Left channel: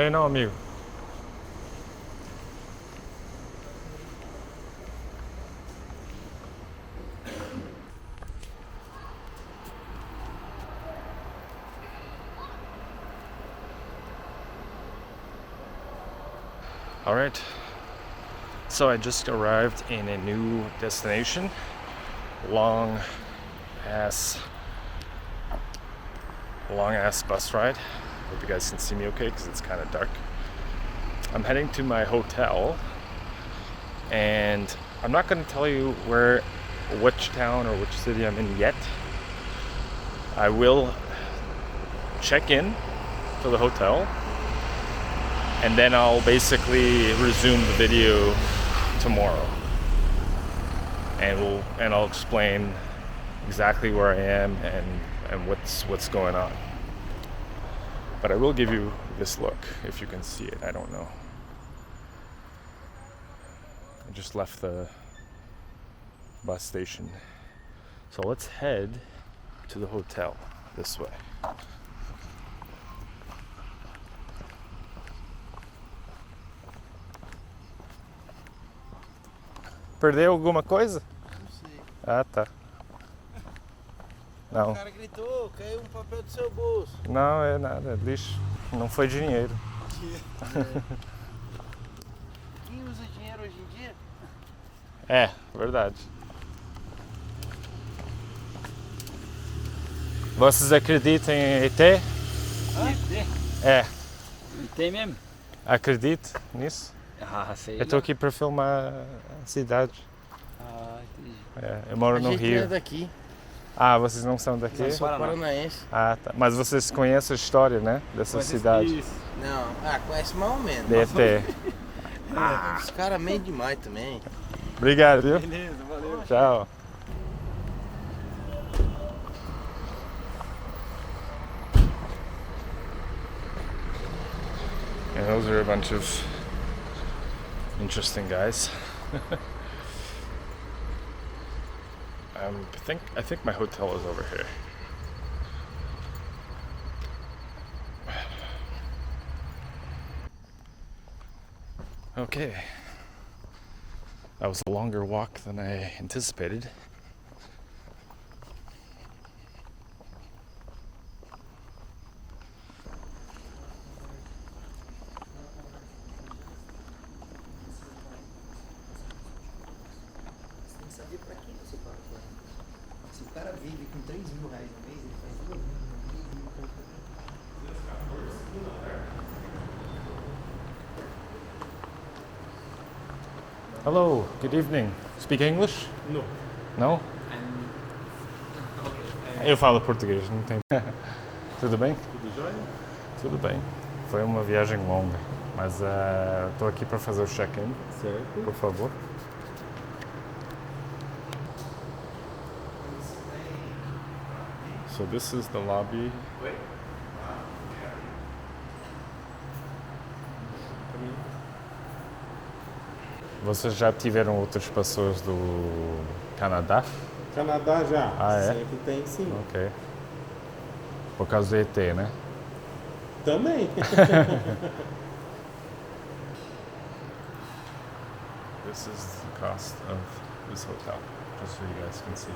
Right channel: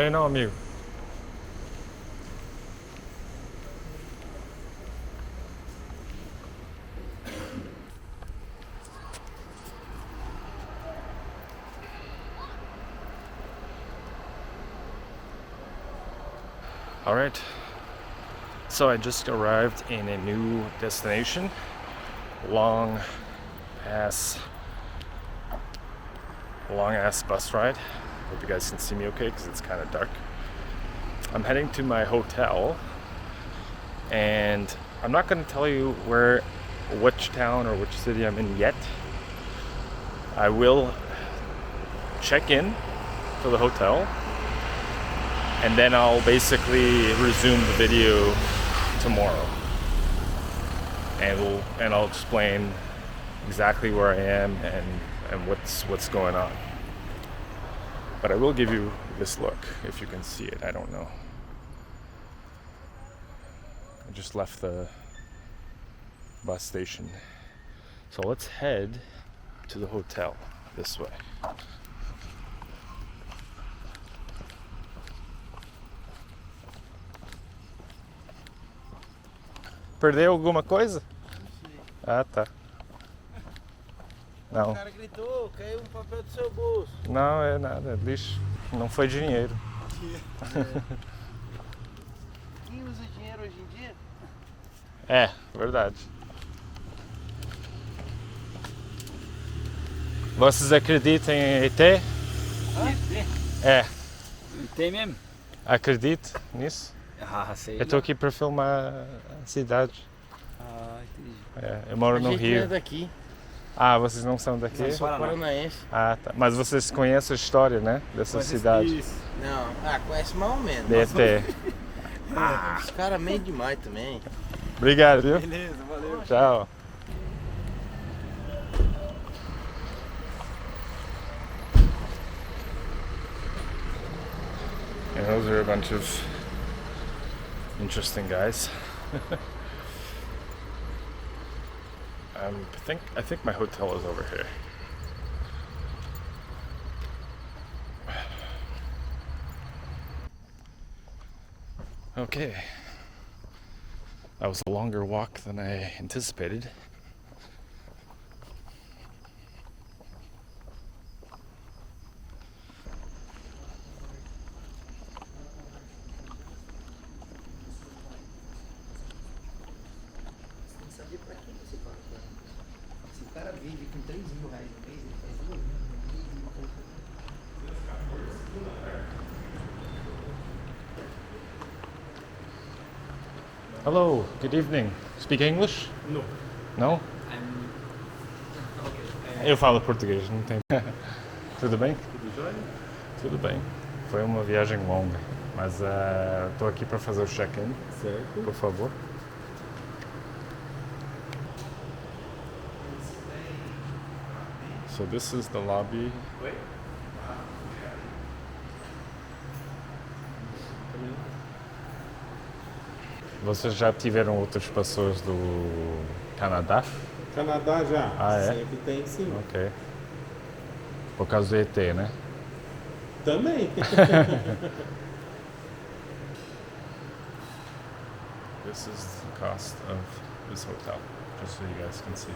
Tem não, amigo. All right. So I just arrived in a new destination. Long ass bus ride. Hope you guys can see me okay because it's kind of dark. I'm heading to my hotel, and I'm not going to tell you which town or which city I'm in yet. I will check in to the hotel, and then I'll basically resume the video tomorrow, and I'll explain exactly where I am and what's going on. But I will give you this look, if you can see it. I don't know. I just left the bus station. So let's head to the hotel this way. Perdeu alguma coisa? Não sei. Ah, tá. Não. O cara gritou, caiu um papel do seu bolso. Não, é nada, é lixo. Não foi dinheiro. Quem usa dinheiro hoje em dia? É, verdade. Vocês acreditam em ET? ET? É. ET mesmo? Acredito nisso? Ah, sei. Eu estou aqui para filmar a cidade. Ah, entendi. É, eu moro no A gente Rio. é daqui. Ah, vocês não são daqui? Eu sou paranaense. Ah, tá. Mas vocês conhecem a história, né? Dessa cidade. Isso. Não, conhece mais ou menos. De ET. Os caras meio demais também. Obrigado, viu? Beleza, valeu. Tchau. And those are a bunch of interesting guys. I think my hotel is over here. Okay. That was a longer walk than I anticipated. Hello, good evening. Speak English? No. No? Eu falo português, não tem. Tudo bem? Tudo jóia? Tudo bem. Foi uma viagem longa, mas estou aqui para fazer o check-in, Certo. por favor. So this is the lobby. Vocês já tiveram outras pessoas do Canadá? Canadá já. Ah, é? Sempre tem, sim. Ok. Por causa do ET, né? Também. This is the cost of this hotel, just so you guys can see.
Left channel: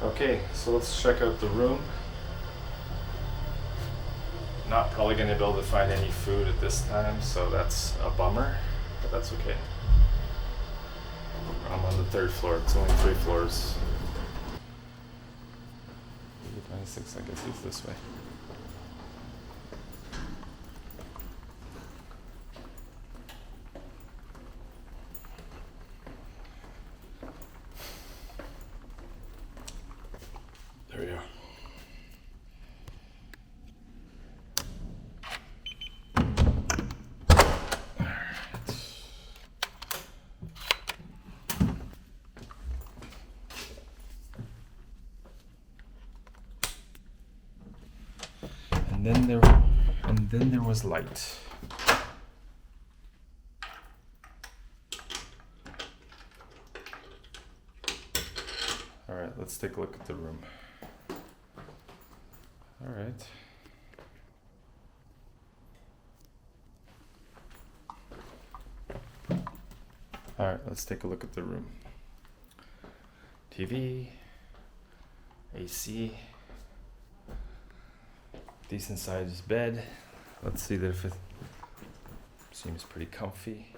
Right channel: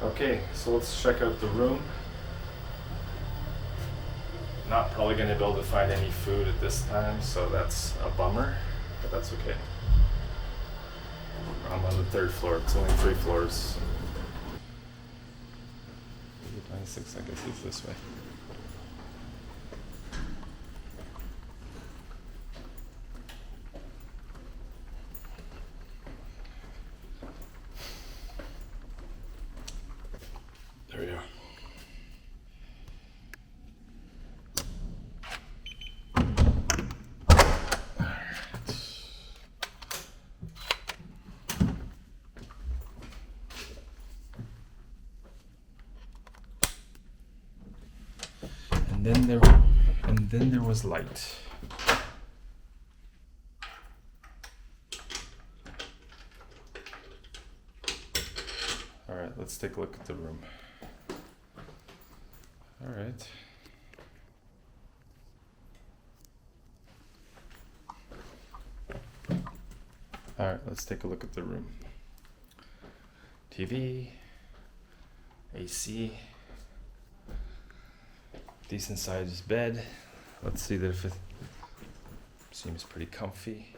Okay, so let's check out the room. Not probably going to be able to find any food at this time, so that's a bummer, but that's okay. I'm on the 3rd floor, it's only 3 floors. 26, I guess it's this way. There we are. And then there was light. let's take a look at the room. All right. All right, let's take a look at the room. TV, AC, decent sized bed. Let's see that if it seems pretty comfy.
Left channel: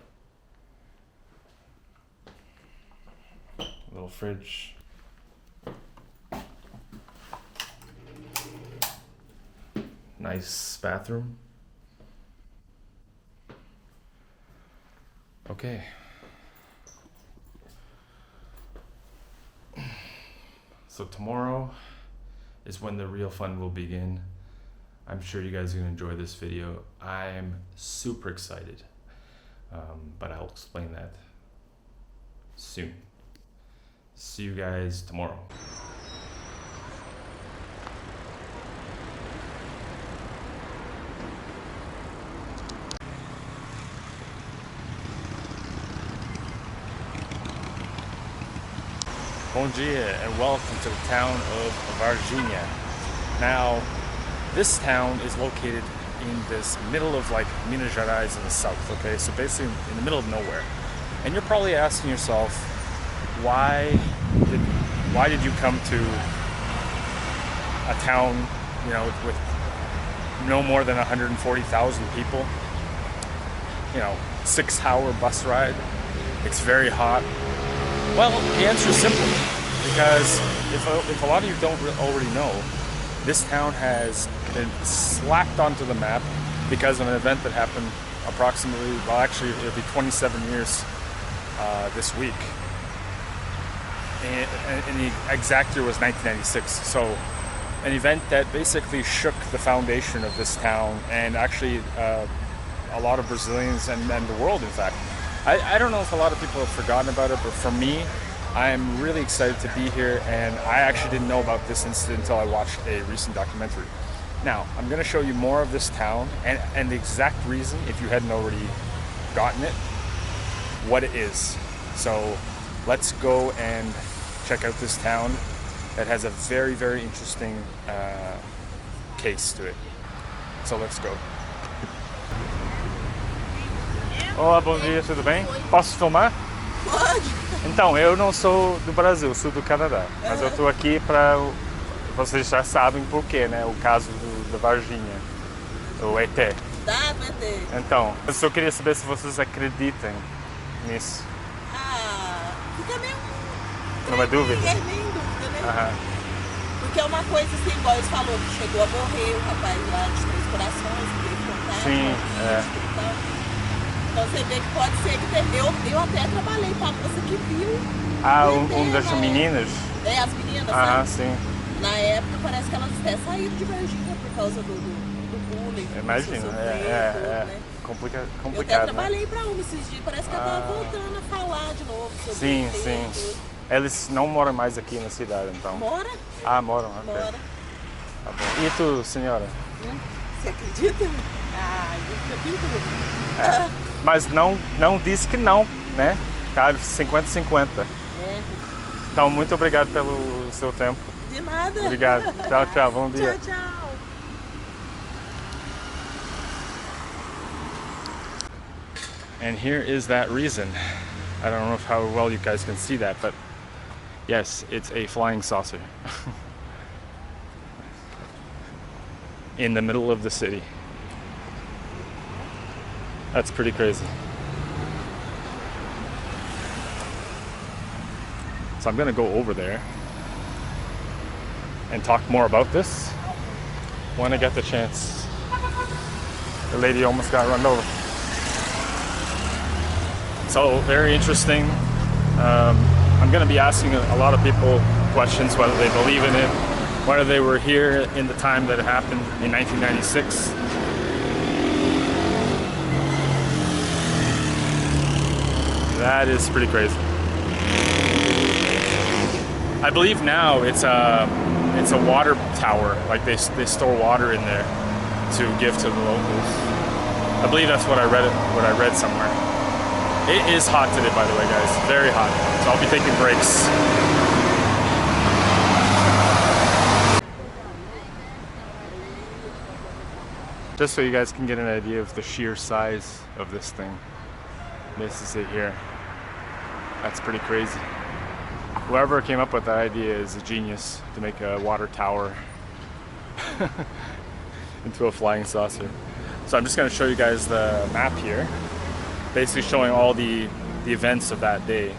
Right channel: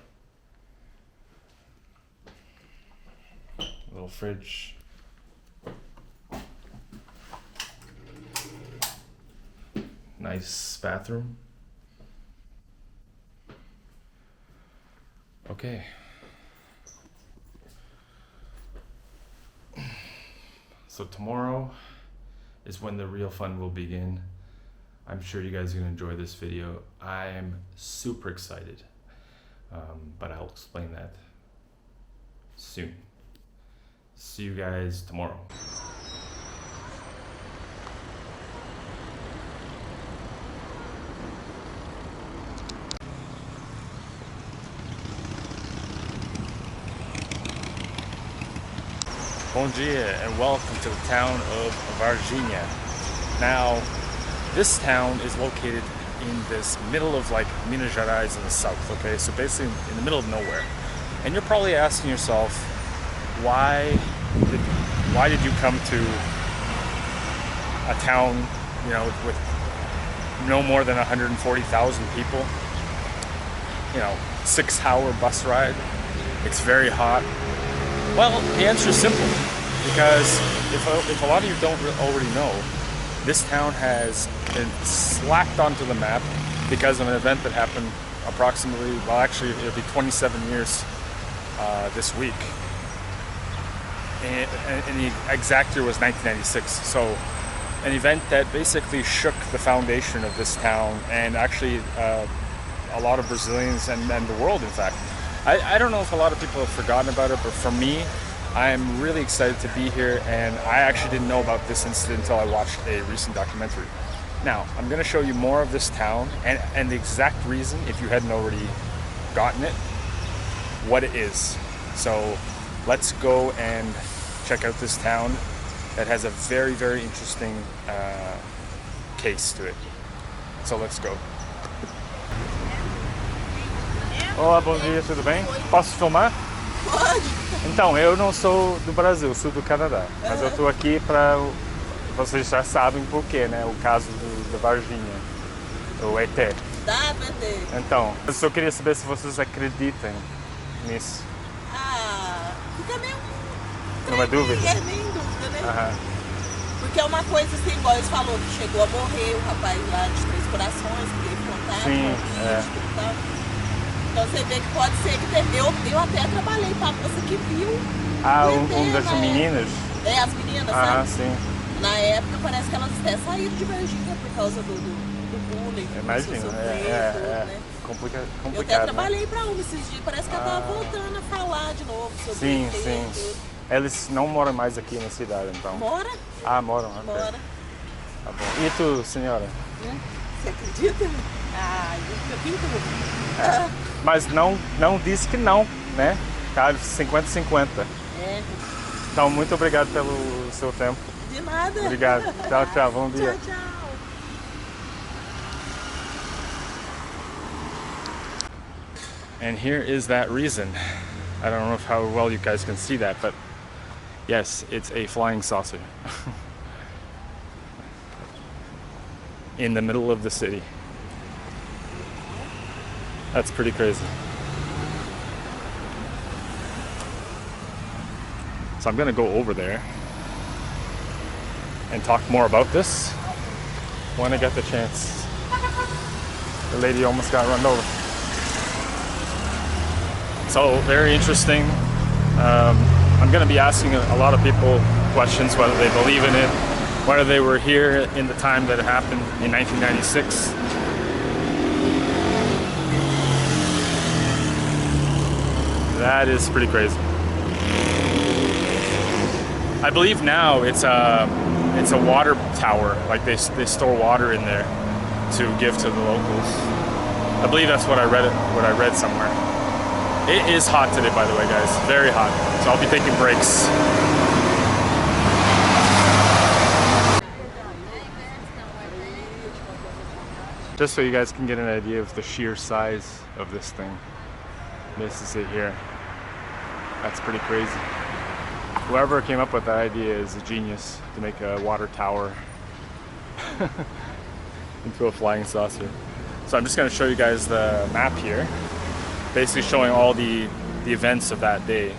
Little fridge. Nice bathroom. Okay. So tomorrow is when the real fun will begin. I'm sure you guys are gonna enjoy this video. I'm super excited, but I'll explain that soon. See you guys tomorrow. Bom dia and welcome to the town of Varginha. Now, this town is located in this middle of like Minas Gerais in the south, okay? So basically in the middle of nowhere. And you're probably asking yourself, why did you come to a town, you know, with no more than 140,000 people? You know, 6-hour bus ride. It's very hot. Well, the answer is simple, because if a lot of you don't already know, this town has been slapped onto the map because of an event that happened approximately, well actually it'll be 27 years this week. And the exact year was 1996. So an event that basically shook the foundation of this town and actually a lot of Brazilians and the world, in fact. I don't know if a lot of people have forgotten about it, but for me, I'm really excited to be here, and I actually didn't know about this incident until I watched a recent documentary. Now, I'm going to show you more of this town and the exact reason, if you hadn't already gotten it, what it is. So let's go and check out this town that has a very, very interesting case to it. So let's go. Olá, bom dia, tudo bem? Posso filmar? Pode. Então, eu não sou do Brasil, sou do Canadá. Mas eu tô aqui para... Vocês já sabem por quê, né? O caso da Varginha, o ET. Tá, PT. Então, eu só queria saber se vocês acreditam nisso. Ah, fica meio... Não é dúvida? É nem dúvida, né? Aham. Porque é uma coisa assim, igual eles falou, que chegou a morrer o rapaz lá de Três Corações, que teve contato Sim, com o é. bicho e tal. Então você vê que pode ser que teve. Eu até trabalhei para a moça que viu. Ah, o ET das na meninas? É, as meninas, Ah, sabe? sim. Na época parece que elas até saíram de Varginha por causa do bullying. Imagina, tudo, né? Complicado, Eu até trabalhei para uma esses dias, parece que ela tava voltando a falar de novo sobre Sim, ET e sim. tudo. Eles não moram mais aqui na cidade, então. Mora? Ah, moram, ok. Mora. Tá bom. E tu, senhora? Você acredita? Ah, eu pinto. Mas não disse que não, né? Tá 50-50. É, Então, muito obrigado pelo seu tempo. de nada. Obrigado. Tchau, tchau. Bom dia. Tchau, tchau. And here is that reason. I don't know how well you guys can see that, but yes, it's a flying saucer. In the middle of the city. That's pretty crazy. So I'm gonna go over there and talk more about this when I get the chance. The lady almost got run over. So very interesting. I'm gonna be asking a lot of people questions, whether they believe in it, whether they were here in the time that it happened in 1996. That is pretty crazy. I believe now it's a water tower. Like they store water in there to give to the locals. I believe that's what I read somewhere. It is hot today, by the way, guys. Very hot. So I'll be taking breaks. just so you guys can get an idea of the sheer size of this thing. This is it here. That's pretty crazy. Whoever came up with that idea is a genius to make a water tower into a flying saucer. So I'm just going to show you guys the map here, basically showing all the events of that day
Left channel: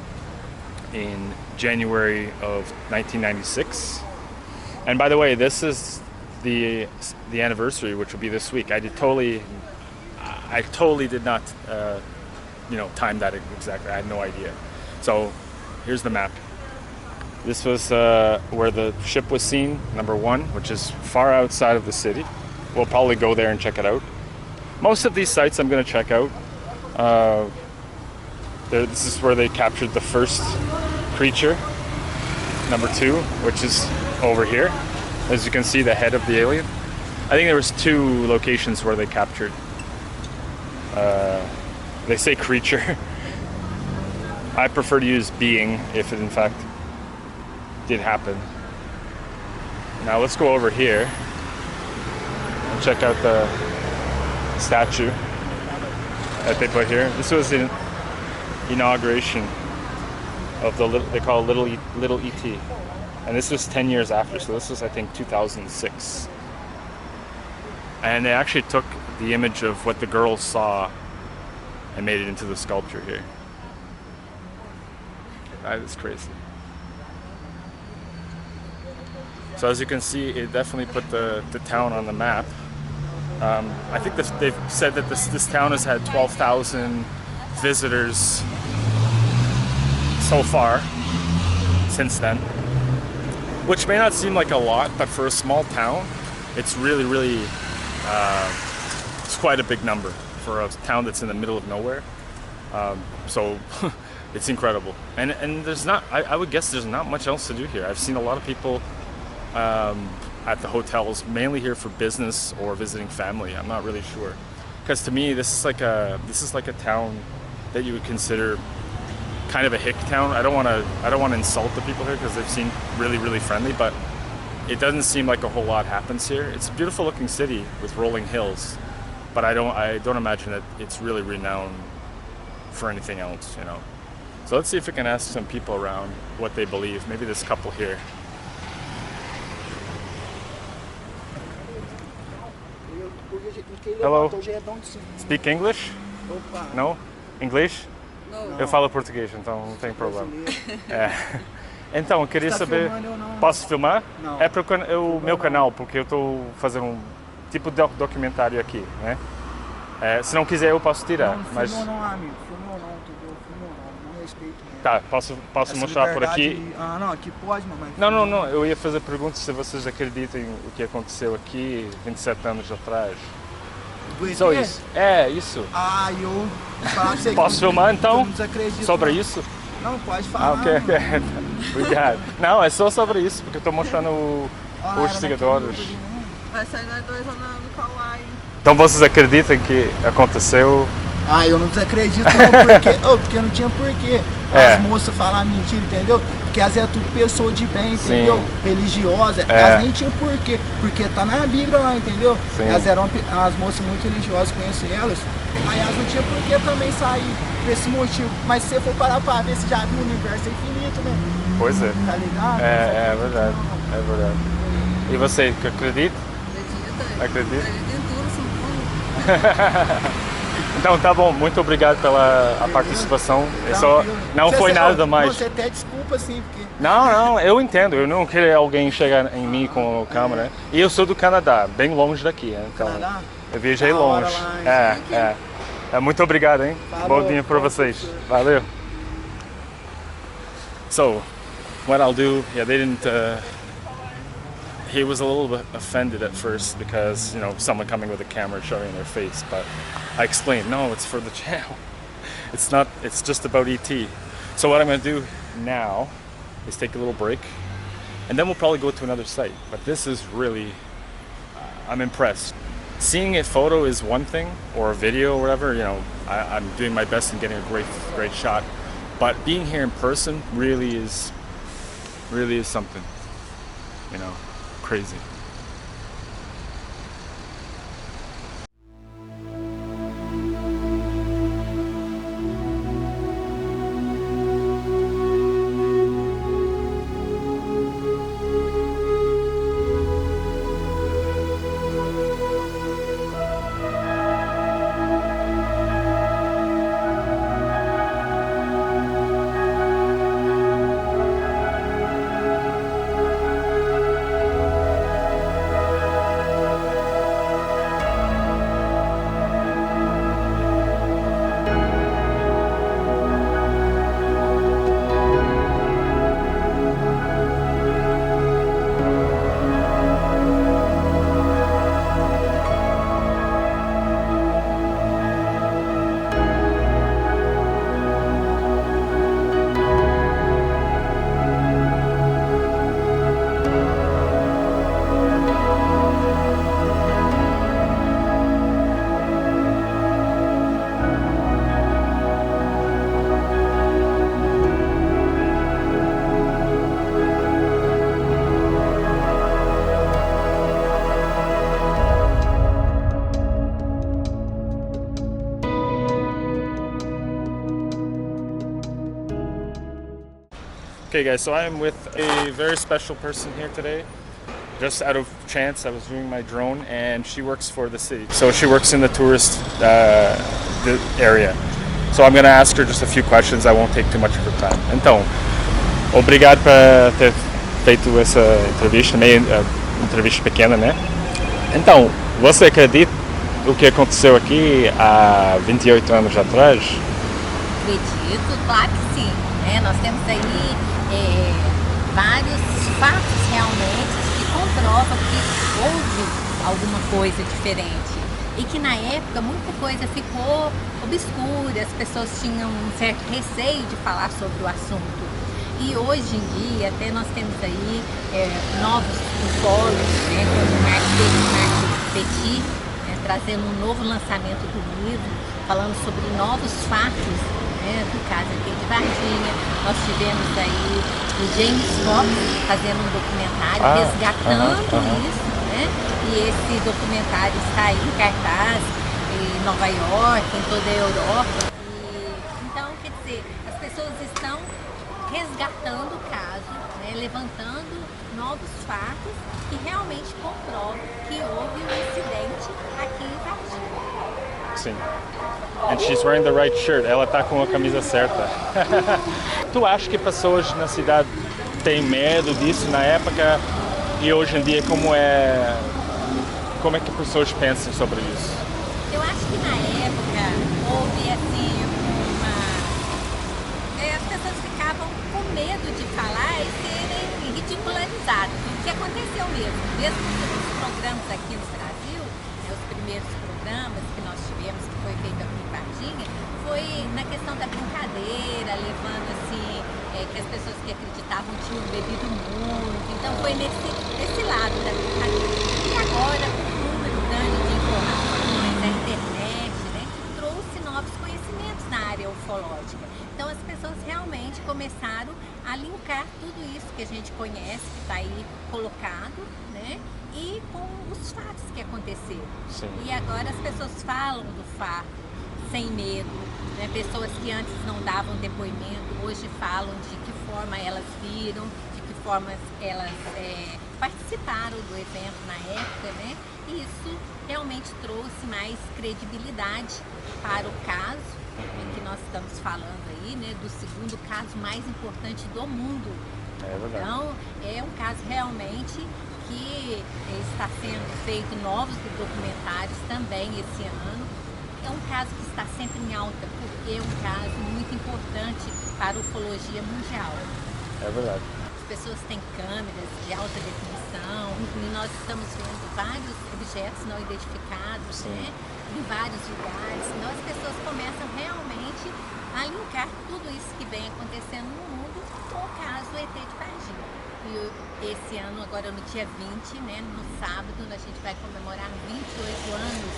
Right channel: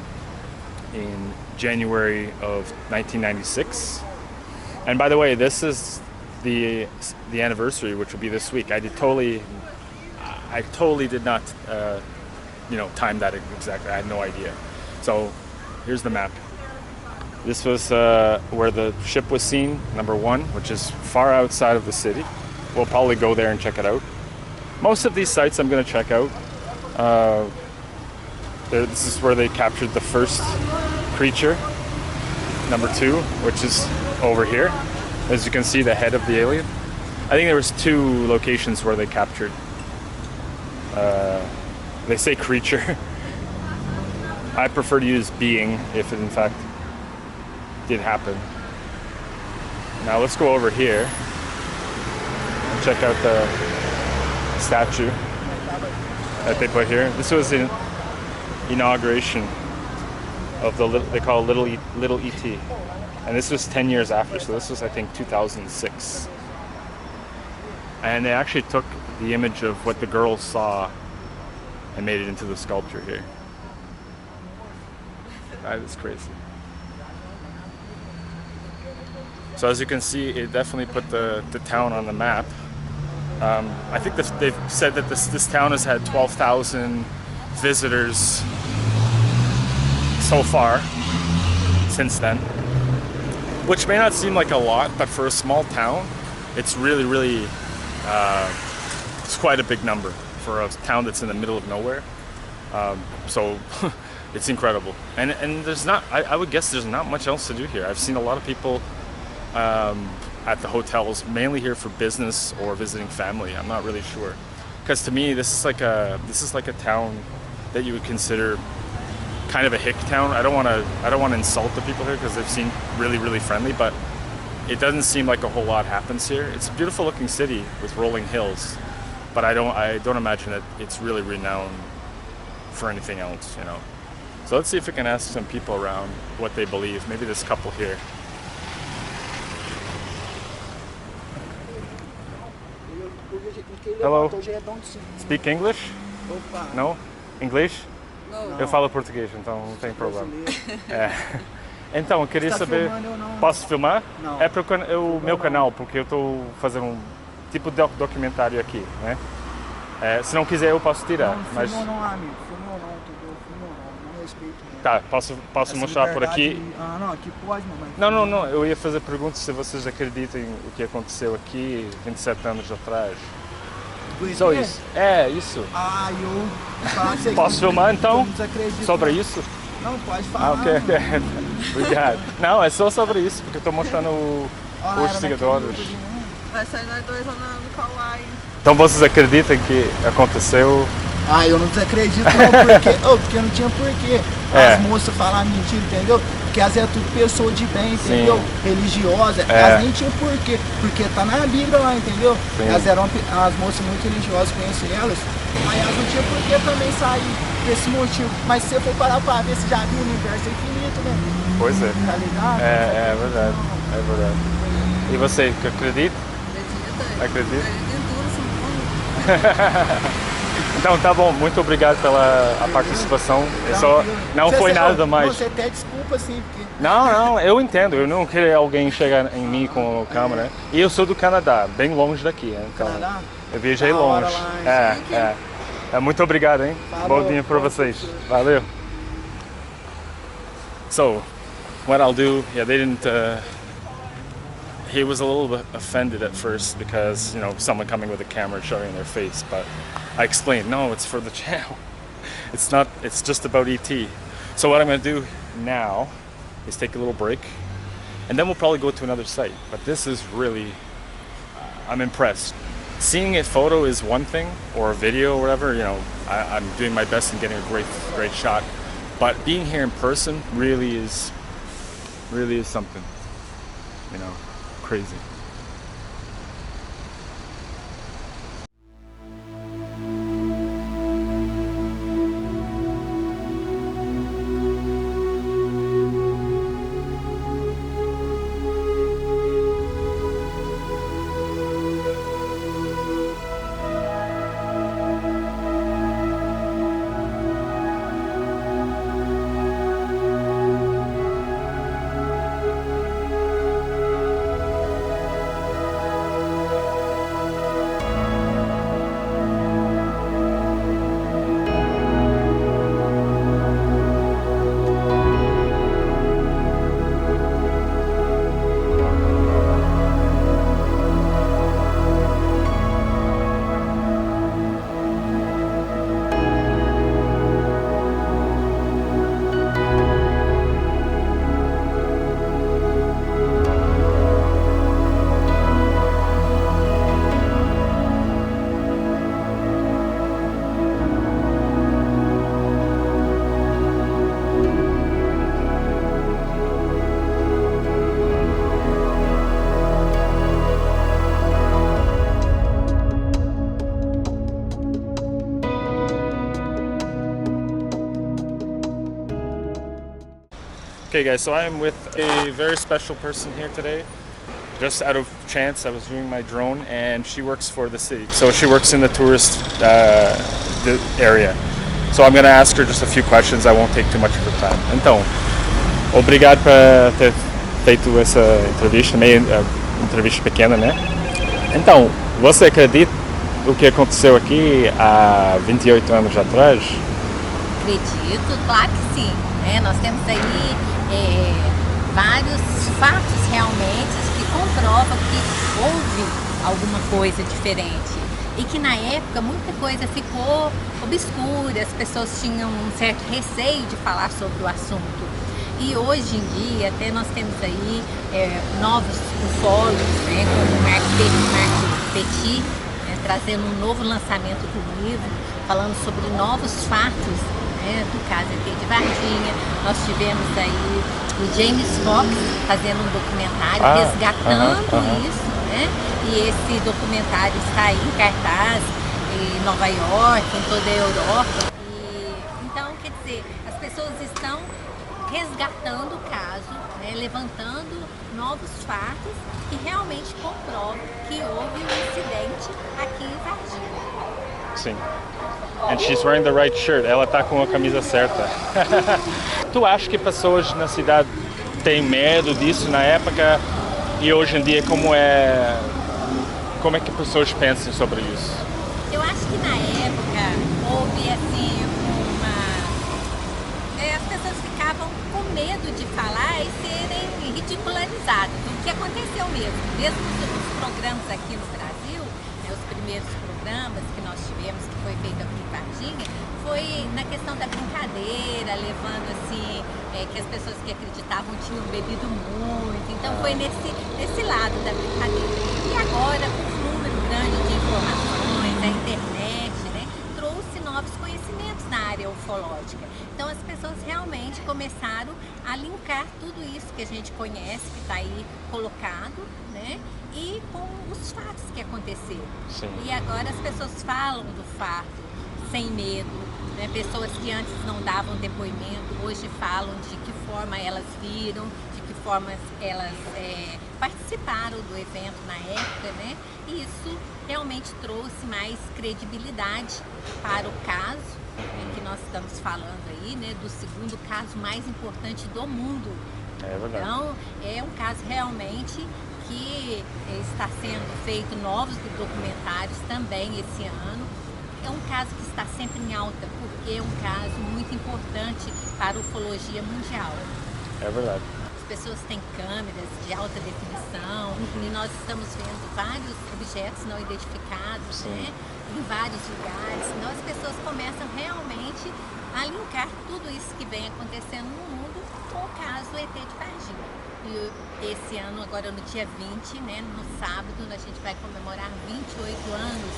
in January of 1996. And by the way, this is the anniversary, which will be this week. I totally did not time that exactly. I had no idea. So here's the map. This was where the ship was seen, number 1, which is far outside of the city. We'll probably go there and check it out. Most of these sites I'm going to check out. This is where they captured the first creature, number 2, which is over here. As you can see, the head of the alien. I think there was 2 locations where they captured. They say creature. I prefer to use being if it in fact did happen. Now let's go over here and check out the statue that they put here. This was the inauguration of they call it Little ET, and this was 10 years after. So this was, I think, 2006, and they actually took the image of what the girls saw and made it into the sculpture here. That is crazy. So as you can see, it definitely put the town on the map. I think they've said that this town has had 12,000 visitors so far since then, which may not seem like a lot, but for a small town, it's really it's quite a big number for a town that's in the middle of nowhere. So it's incredible, and there's not, I would guess there's not much else to do here. I've seen a lot of people at the hotels, mainly here for business or visiting family. I'm not really sure, because to me this is like a town that you would consider kind of a hick town. I don't want to insult the people here because they've seemed really friendly, but it doesn't seem like a whole lot happens here. It's a beautiful looking city with rolling hills, but I don't imagine that it's really renowned for anything else, you know. So let's see if we can ask some people around what they believe. Maybe this couple here. Hello. Speak English? No? English? Eu falo português, então não tem problema. É. Então, eu queria saber... Posso filmar? Não. É para o meu canal, porque eu estou fazendo um tipo de documentário aqui, né? É, se não quiser eu posso tirar, Não, mas... filmou não, amigo. Filmou não, entendeu? Filmou não respeito mesmo. Tá, posso mostrar por aqui? Liberdade- Ah, não, aqui pode, mamãe. Não, eu ia fazer perguntas se vocês acreditam o que aconteceu aqui 27 anos atrás. Do ET? Só isso. É, isso. Ah, eu... falar pra você Posso que filmar, então? Eu não desacredito. Sobre não. isso? Não, pode falar. Ah, ok. Obrigado. Não, é só sobre isso, porque eu estou mostrando Ah, os era seguidores. daquele- Vai sair nós dois lá no Kauai. Então vocês acreditam que aconteceu? Ah, eu não desacredito não, porque não tinha porquê. É. As moças falar mentira, entendeu? Porque elas é tudo pessoa de bem, entendeu? Sim. Religiosa, É. elas nem tinham porquê, porque tá na Bíblia lá, entendeu? Sim. Elas eram as moças muito religiosas, conheço elas. Aí elas não tinham porquê também sair desse motivo. Mas se você for parar pra ver, você já viu o universo é infinito, né? Pois é. Tá ligado? É verdade. É verdade. E você, que acredita? Acredita? Acredita? Acredita em tudo, São Então tá bom, muito obrigado pela a participação. É só, Tranquilo. não Você- foi você- nada mais. Você até desculpa, assim, porque... Não, eu entendo. Eu não queria alguém chegar em mim com a câmera. E eu sou do Canadá, bem longe daqui. Né? Então, Canadá? eu viajei Da hora longe. lá, Muito obrigado, hein? Falou. Bom dia para vocês. Valeu. So, what I'll do, they didn't... he was a little bit offended at first because, someone coming with a camera showing their face, but I explained, no, it's for the channel. It's not, it's just about ET. So what I'm going to do now is take a little break, and then we'll probably go to another site. But this is really, I'm impressed. Seeing a photo is one thing, or a video or whatever, I'm doing my best in getting a great shot. But being here in person really is something, crazy. Okay guys, so I am with a very special person here today. Just out of chance, I was doing my drone and she works for the city. So she works in the tourist the area. So I'm gonna ask her just a few questions. I won't take too much of her time. Então, obrigado por ter feito essa entrevista, meio entrevista pequena, né? Então, você acredita o que aconteceu aqui há 28 anos atrás? Acredito, claro que sim. Né? Nós temos aí vários fatos realmente que comprovam que houve alguma coisa diferente e que na época muita coisa ficou obscura, as pessoas tinham um certo receio de falar sobre o assunto. E hoje em dia até nós temos aí novos ufólogos, né, como o Mark Petit, né, trazendo um novo lançamento do livro, falando sobre novos fatos, né, do caso aqui de Varginha. Nós tivemos aí o James Fox fazendo um documentário resgatando isso, né? E esse documentário está aí em cartaz em Nova York, em toda a Europa. Então, quer dizer, as pessoas estão resgatando o caso, né, levantando novos fatos que realmente comprovam que houve um incidente aqui em Varginha. Sim. And she's wearing the right shirt. Ela tá com a camisa certa. Tu acha que pessoas na cidade têm medo disso na época e hoje em dia como é que pessoas pensam sobre isso? Eu acho que na época houve assim as pessoas ficavam com medo de falar e serem ridicularizadas. O que aconteceu mesmo os programas aqui no Brasil, né, os primeiros programas que nós tivemos, que foi feito aqui em Varginha, foi na questão da brincadeira, levando assim, que as pessoas que acreditavam tinham bebido muito, então foi nesse lado da brincadeira. E agora, com o número grande de informações, a internet, né, trouxe novos conhecimentos na área ufológica. Então as pessoas realmente começaram a linkar tudo isso que a gente conhece, que está aí colocado, né, e com os fatos que aconteceram. Sim. E agora as pessoas falam do fato sem medo, né? Pessoas que antes não davam depoimento, hoje falam de que forma elas viram, de que forma elas participaram do evento na época, né? E isso realmente trouxe mais credibilidade para o caso, né, que nós estamos falando aí, né, do segundo caso mais importante do mundo. É verdade. Então, é um caso realmente que está sendo feito novos documentários também esse ano. É um caso que está sempre em alta, porque é um caso muito importante para a ufologia mundial. É verdade. As pessoas têm câmeras de alta definição e nós estamos vendo vários objetos não identificados, né, em vários lugares. Então as pessoas começam realmente a linkar tudo isso que vem acontecendo no mundo com o caso ET de Varginha. E esse ano, agora no dia 20, né, no sábado, a gente vai comemorar 28 anos,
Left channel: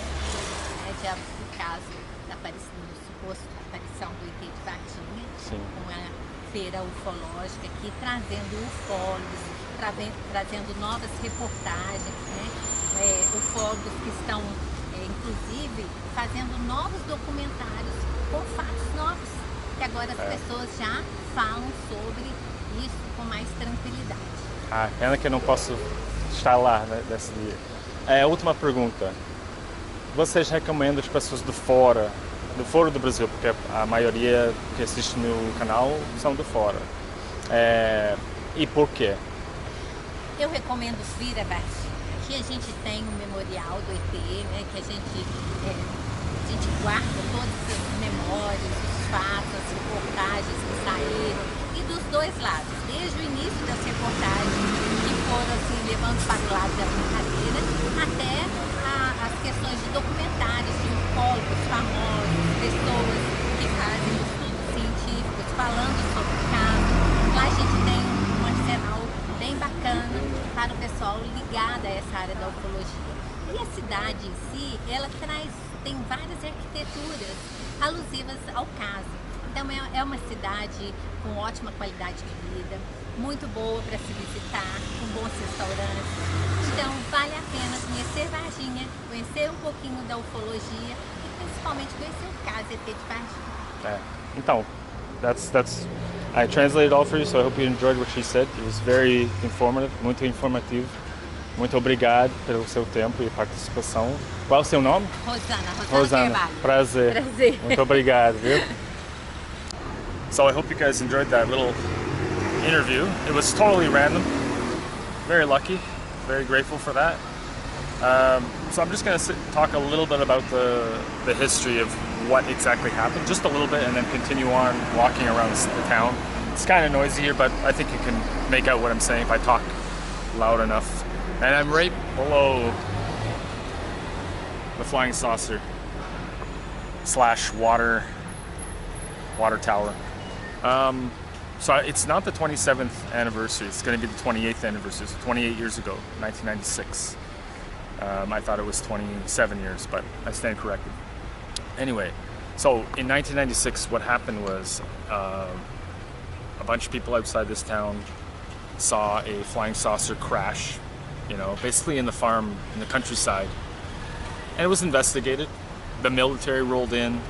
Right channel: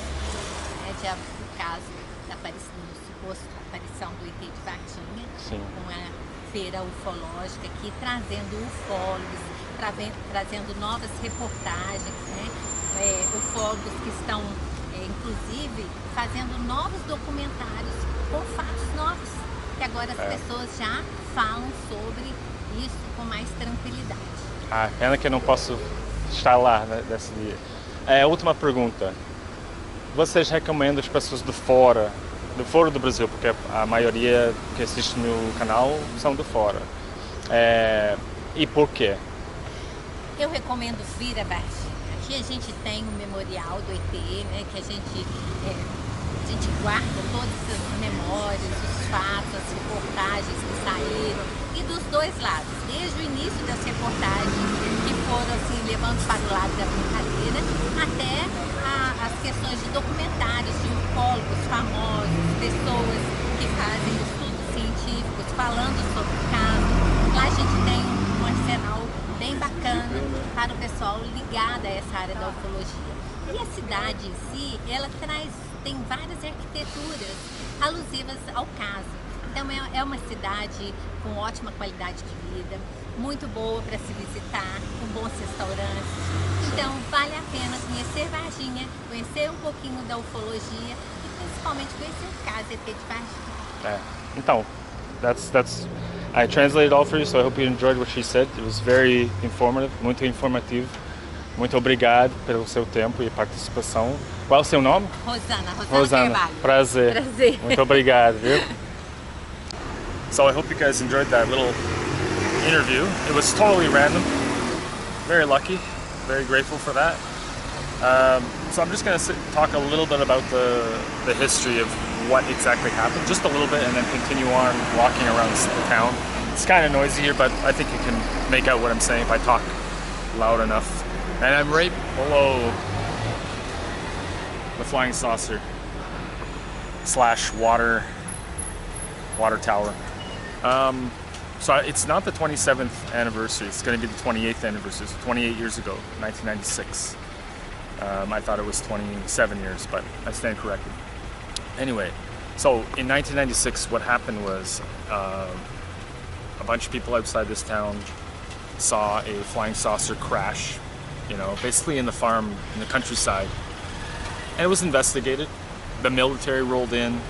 né, do caso da suposta aparição do ET de Varginha. Sim. Com a feira ufológica aqui, trazendo ufólogos, trazendo novas reportagens, né, ufólogos que estão, inclusive, fazendo novos documentários com fatos novos, que agora as pessoas já falam sobre isso com mais tranquilidade. Ah, pena que eu não posso estar lá, né, desse dia. Última pergunta. Vocês recomendam as pessoas de fora do Brasil, porque a maioria que assiste no canal são de fora. E por quê? Eu recomendo vir a Varginha. Aqui a gente tem um memorial do ET, né, que a gente guarda todas as memórias, os fatos, as reportagens que saíram, e dos dois lados, desde o início das reportagens que foram assim, levando para o lado da brincadeira, até as questões de documentários de ufólogos famosos, pessoas que fazem estudos científicos falando sobre o caso. Lá a gente tem um arsenal bem bacana para o pessoal ligado a essa área da ufologia. E a cidade em si, ela tem várias arquiteturas alusivas ao caso. Então é uma cidade com ótima qualidade de vida, muito boa para se visitar, com bons restaurantes. Então vale a pena conhecer Varginha, conhecer um pouquinho da ufologia e principalmente conhecer o caso ET de Varginha. Então, that's I translated all for you, so I hope you enjoyed what she said. It was very informative, muito informativo. Muito obrigado pelo seu tempo e participação. Qual é o seu nome? Rosana Carvalho. Prazer. Prazer. Muito obrigado, viu? So I hope you guys enjoyed that little interview. It was totally random. Very lucky. Very grateful for that. So I'm just going to talk a little bit about the history of what exactly happened, just a little bit, and then continue on walking around the town. It's kind of noisy here, but I think you can make out what I'm saying if I talk loud enough. And I'm right below the flying saucer / water tower. So it's not the 27th anniversary. It's going to be the 28th anniversary. So 28 years ago, 1996. I thought it was 27 years, but I stand corrected. Anyway, so in 1996, what happened was a bunch of people outside this town saw a flying saucer crash, basically in the farm, in the countryside. And it was investigated. The military rolled in.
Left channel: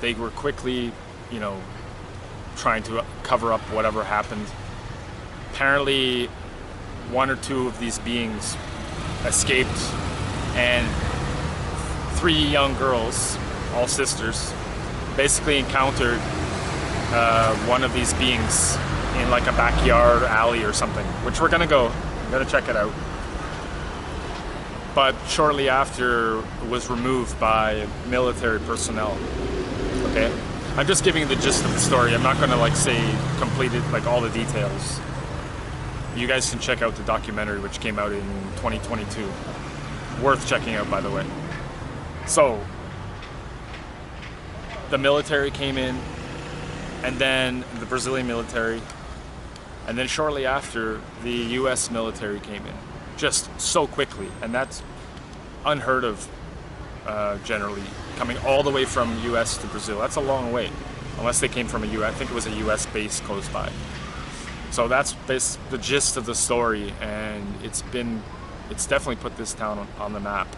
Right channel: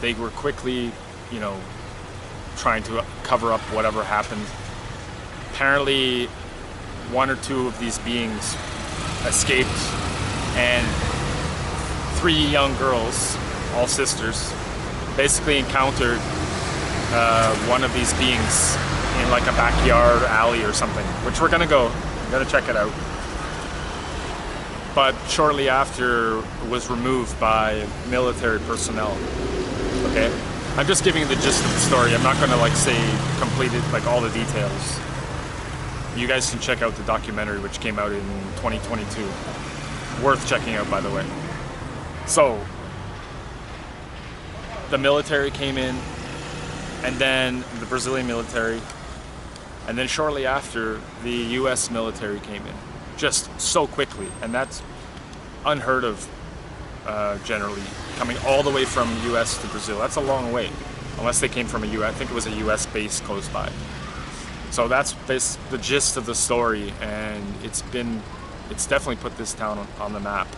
They were quickly, trying to cover up whatever happened. Apparently, one or two of these beings escaped, and 3 young girls, all sisters, basically encountered one of these beings in like a backyard alley or something, which we're gonna go. I'm gonna check it out. But shortly after, it was removed by military personnel. Okay, I'm just giving you the gist of the story. I'm not gonna say completed all the details. You guys can check out the documentary, which came out in 2022. Worth checking out, by the way. So, the military came in, and then the Brazilian military, and then shortly after, the U.S. military came in. Just so quickly, and that's unheard of, generally, coming all the way from U.S. to Brazil. That's a long way, unless they came from I think it was a U.S. base close by. So that's the gist of the story, and it's definitely put this town on the map.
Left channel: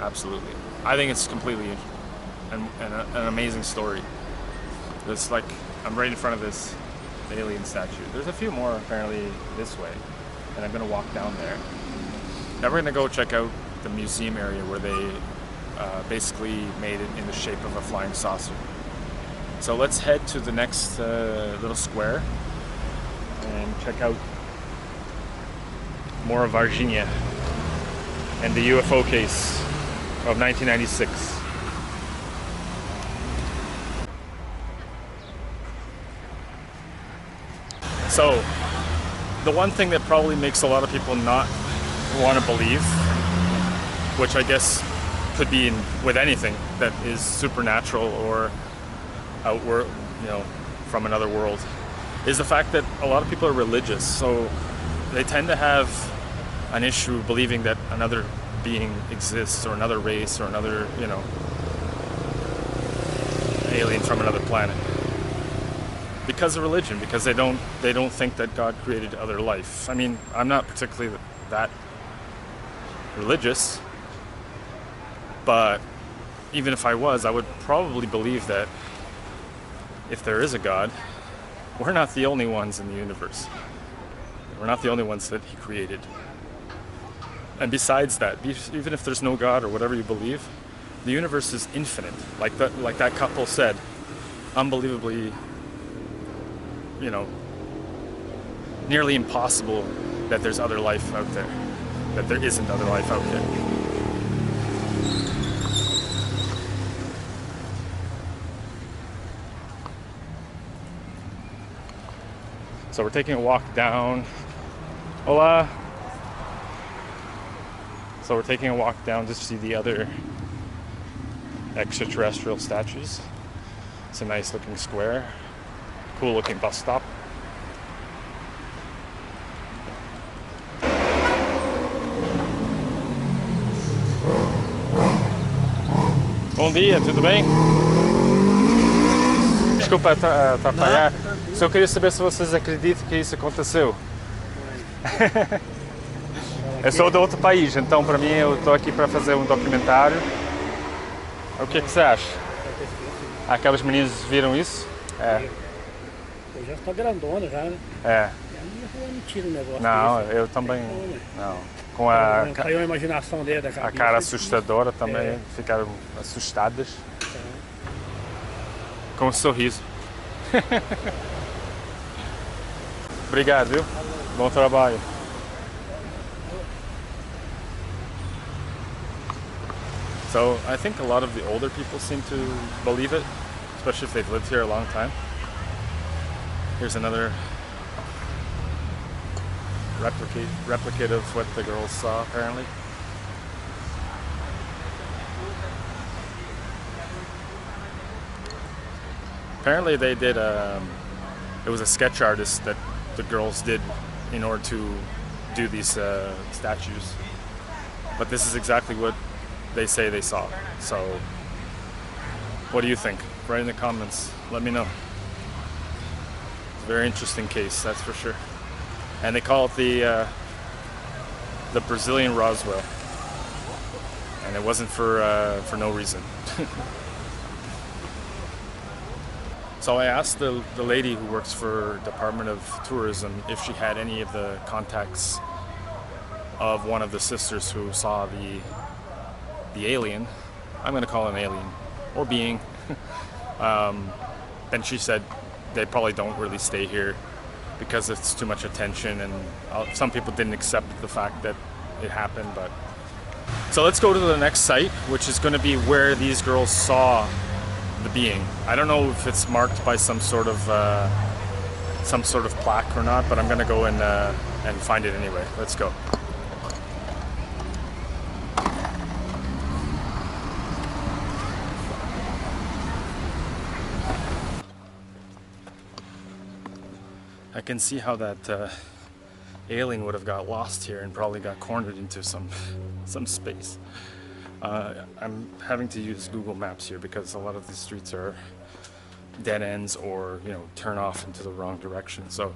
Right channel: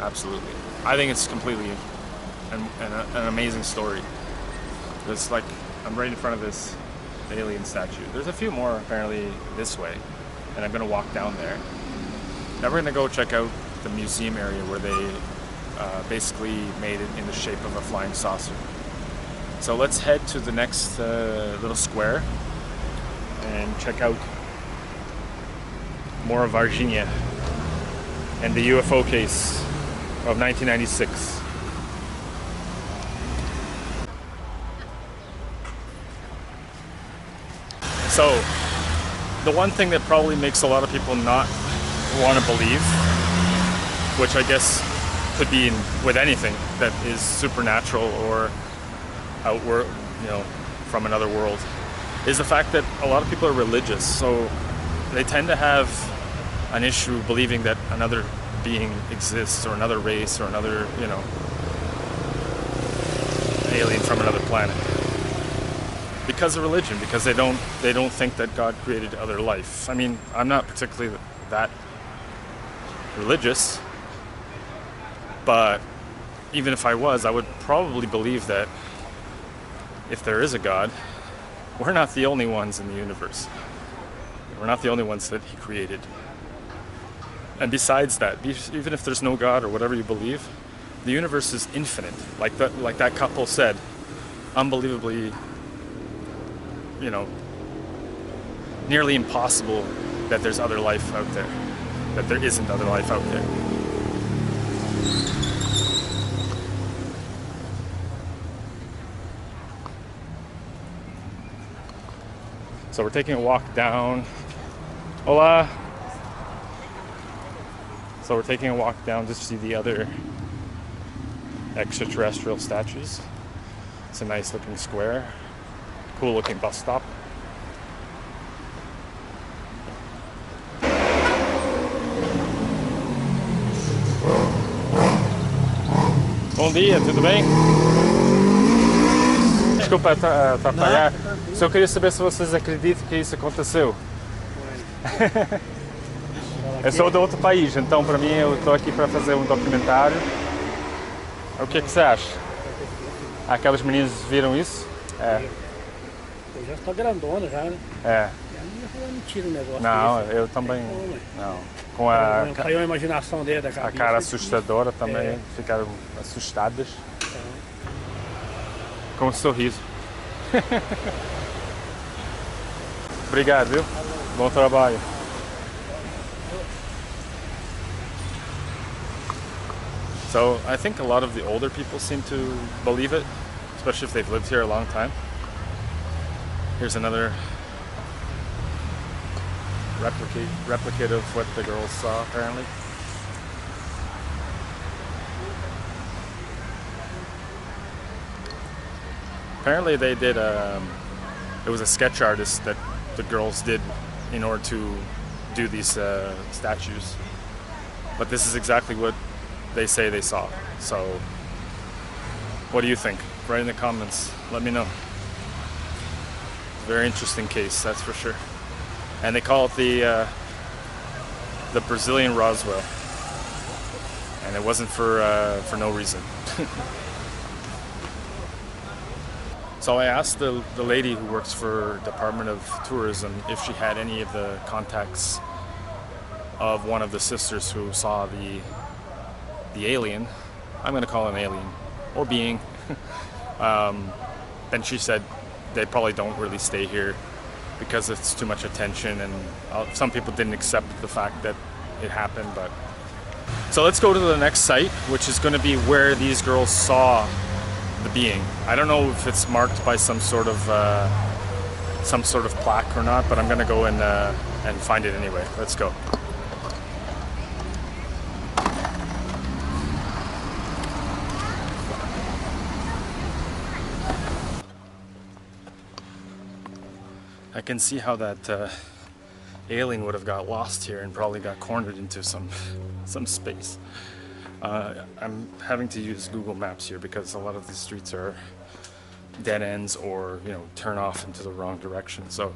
Absolutely. I think it's completely an amazing story. It's I'm right in front of this alien statue. There's a few more apparently this way, and I'm gonna walk down there. Now we're gonna go check out the museum area where they basically made it in the shape of a flying saucer. So let's head to the next little square and check out more of Varginha and the UFO case of 1996. So, the one thing that probably makes a lot of people not want to believe, which I guess could be with anything that is supernatural or outward, from another world, is the fact that a lot of people are religious. So they tend to have an issue believing that another being exists, or another race, or another, alien from another planet. Because of religion, because they don't think that God created other life. I mean, I'm not particularly that religious, but even if I was, I would probably believe that if there is a God, we're not the only ones in the universe. We're not the only ones that He created. And besides that, even if there's no God or whatever you believe, the universe is infinite. Like that couple said, unbelievably, nearly impossible that there's other life out there, that there isn't other life out there. So we're taking a walk down. Hola! So we're taking a walk down to see the other extraterrestrial statues. It's a nice looking square. Cool looking bus stop. Bom dia, tudo bem? Desculpa atrapalhar. Só queria saber se vocês acreditam que isso aconteceu. Eu sou de outro país, então para mim eu estou aqui para fazer um documentário. O que é que você acha? Aquelas meninas viram isso? É. Eu já estou grandona já, né? É. Eu não tiro o negócio Não, desse. eu também. Não, né? Não. Com a, Caiu a imaginação dele da a cabeça. cara assustadora também, É. ficaram assustadas. Então, Com um sorriso. Obrigado, viu? Bom trabalho. So I think a lot of the older people seem to believe it, especially if they've lived here a long time. Here's another replicate of what the girls saw apparently. Apparently they did it was a sketch artist that the girls did in order to do these statues. But this is exactly what they say they saw. So what do you think? Write in the comments, let me know. It's a very interesting case, that's for sure. And they call it the Brazilian Roswell. And it wasn't for no reason. So I asked the lady who works for Department of Tourism if she had any of the contacts of one of the sisters who saw the alien. I'm going to call it an alien or being. And she said they probably don't really stay here because it's too much attention, and some people didn't accept the fact that it happened. But so let's go to the next site, which is going to be where these girls saw the being. I don't know if it's marked by some sort of plaque or not, but I'm gonna go and find it anyway. Let's go. I can see how that alien would have got lost here and probably got cornered into some space. I'm having to use Google Maps here because a lot of these streets are dead ends or, you know, turn off into the wrong direction. So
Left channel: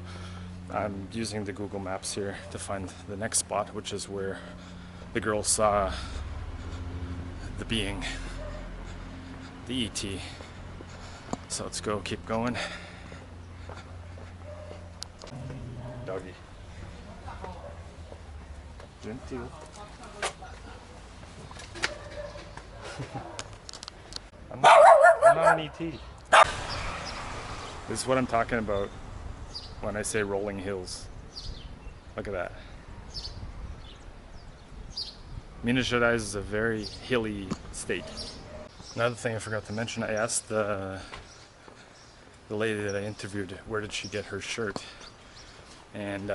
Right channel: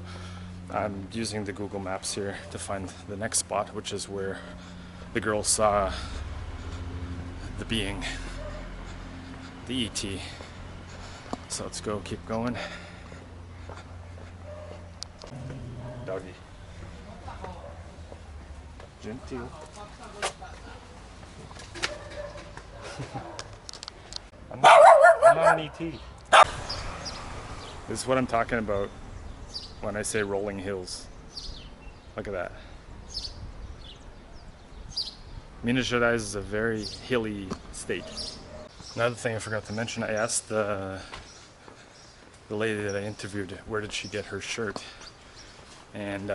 I'm using the Google Maps here to find the next spot, which is where the girls saw the being, the ET. So let's go, keep going. Doggy. Gentil. I'm not an ET. This is what I'm talking about when I say rolling hills. Look at that. Minas Gerais is a very hilly state. Another thing I forgot to mention, I asked the lady that I interviewed where did she get her shirt, and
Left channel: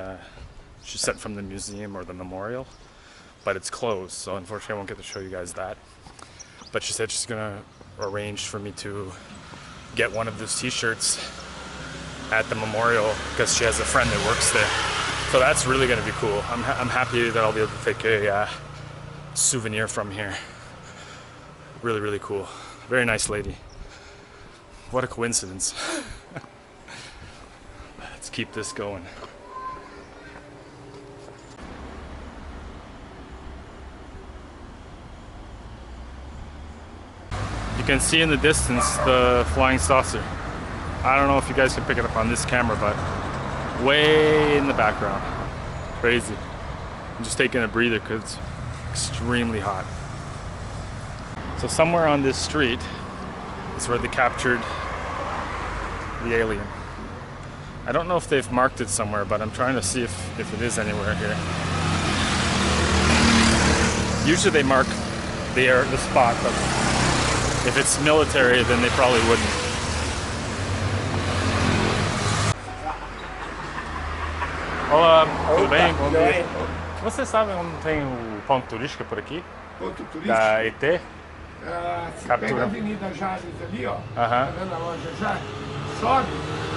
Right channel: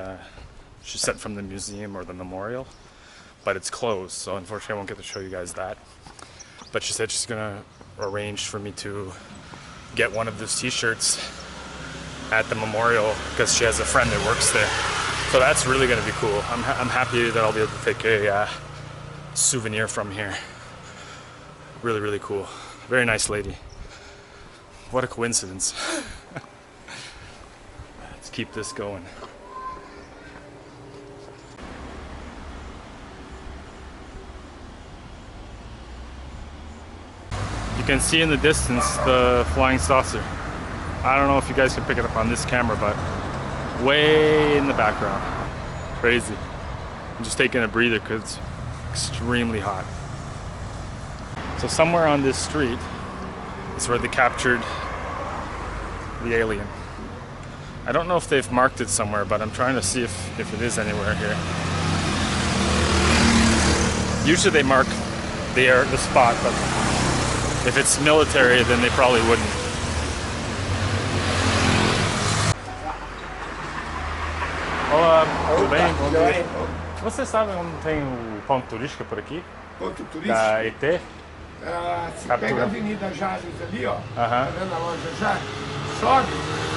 she said from the museum or the memorial, but it's closed, so unfortunately I won't get to show you guys that. But she said she's gonna arrange for me to get one of those t-shirts at the memorial because she has a friend that works there. So that's really gonna be cool. I'm happy that I'll be able to take a souvenir from here. Really, really cool. Very nice lady. What a coincidence. Let's keep this going. You can see in the distance the flying saucer. I don't know if you guys can pick it up on this camera, but way in the background. Crazy. I'm just taking a breather because it's extremely hot. So somewhere on this street is where they captured the alien. I don't know if they've marked it somewhere, but I'm trying to see if it is anywhere here. Usually they mark the spot, but if it's military, then they probably wouldn't. Olá, tudo bem? Bom dia. Você sabe onde tem o ponto turístico por aqui? Ponto turístico? Da ET? Se Captura. pega a Avenida Jales ali, ó. Aham. Tá vendo a loja Jales? Sobe.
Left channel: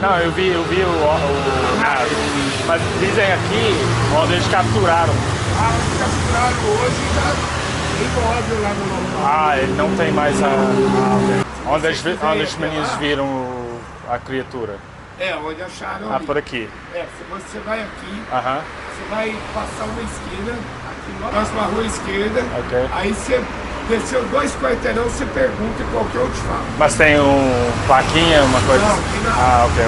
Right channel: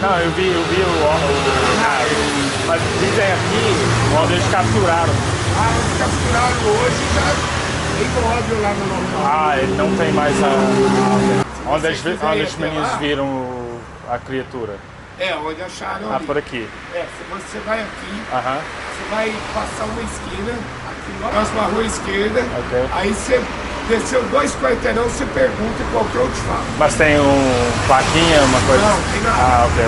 Não, eu vi mas dizem aqui onde eles capturaram. Capturaram hoje já tem móvel lá no local. Ele não tem mais a... Onde os meninos viram a criatura? Onde acharam ali. Por aqui. Se você vai aqui, Aham. você vai passar uma esquina, aqui na próxima rua esquerda, Ok. aí você Desceu 2 quarteirão, você pergunta e qualquer um te fala. Mas tem plaquinha, uma coisa? Não, tem nada. Ah, ok.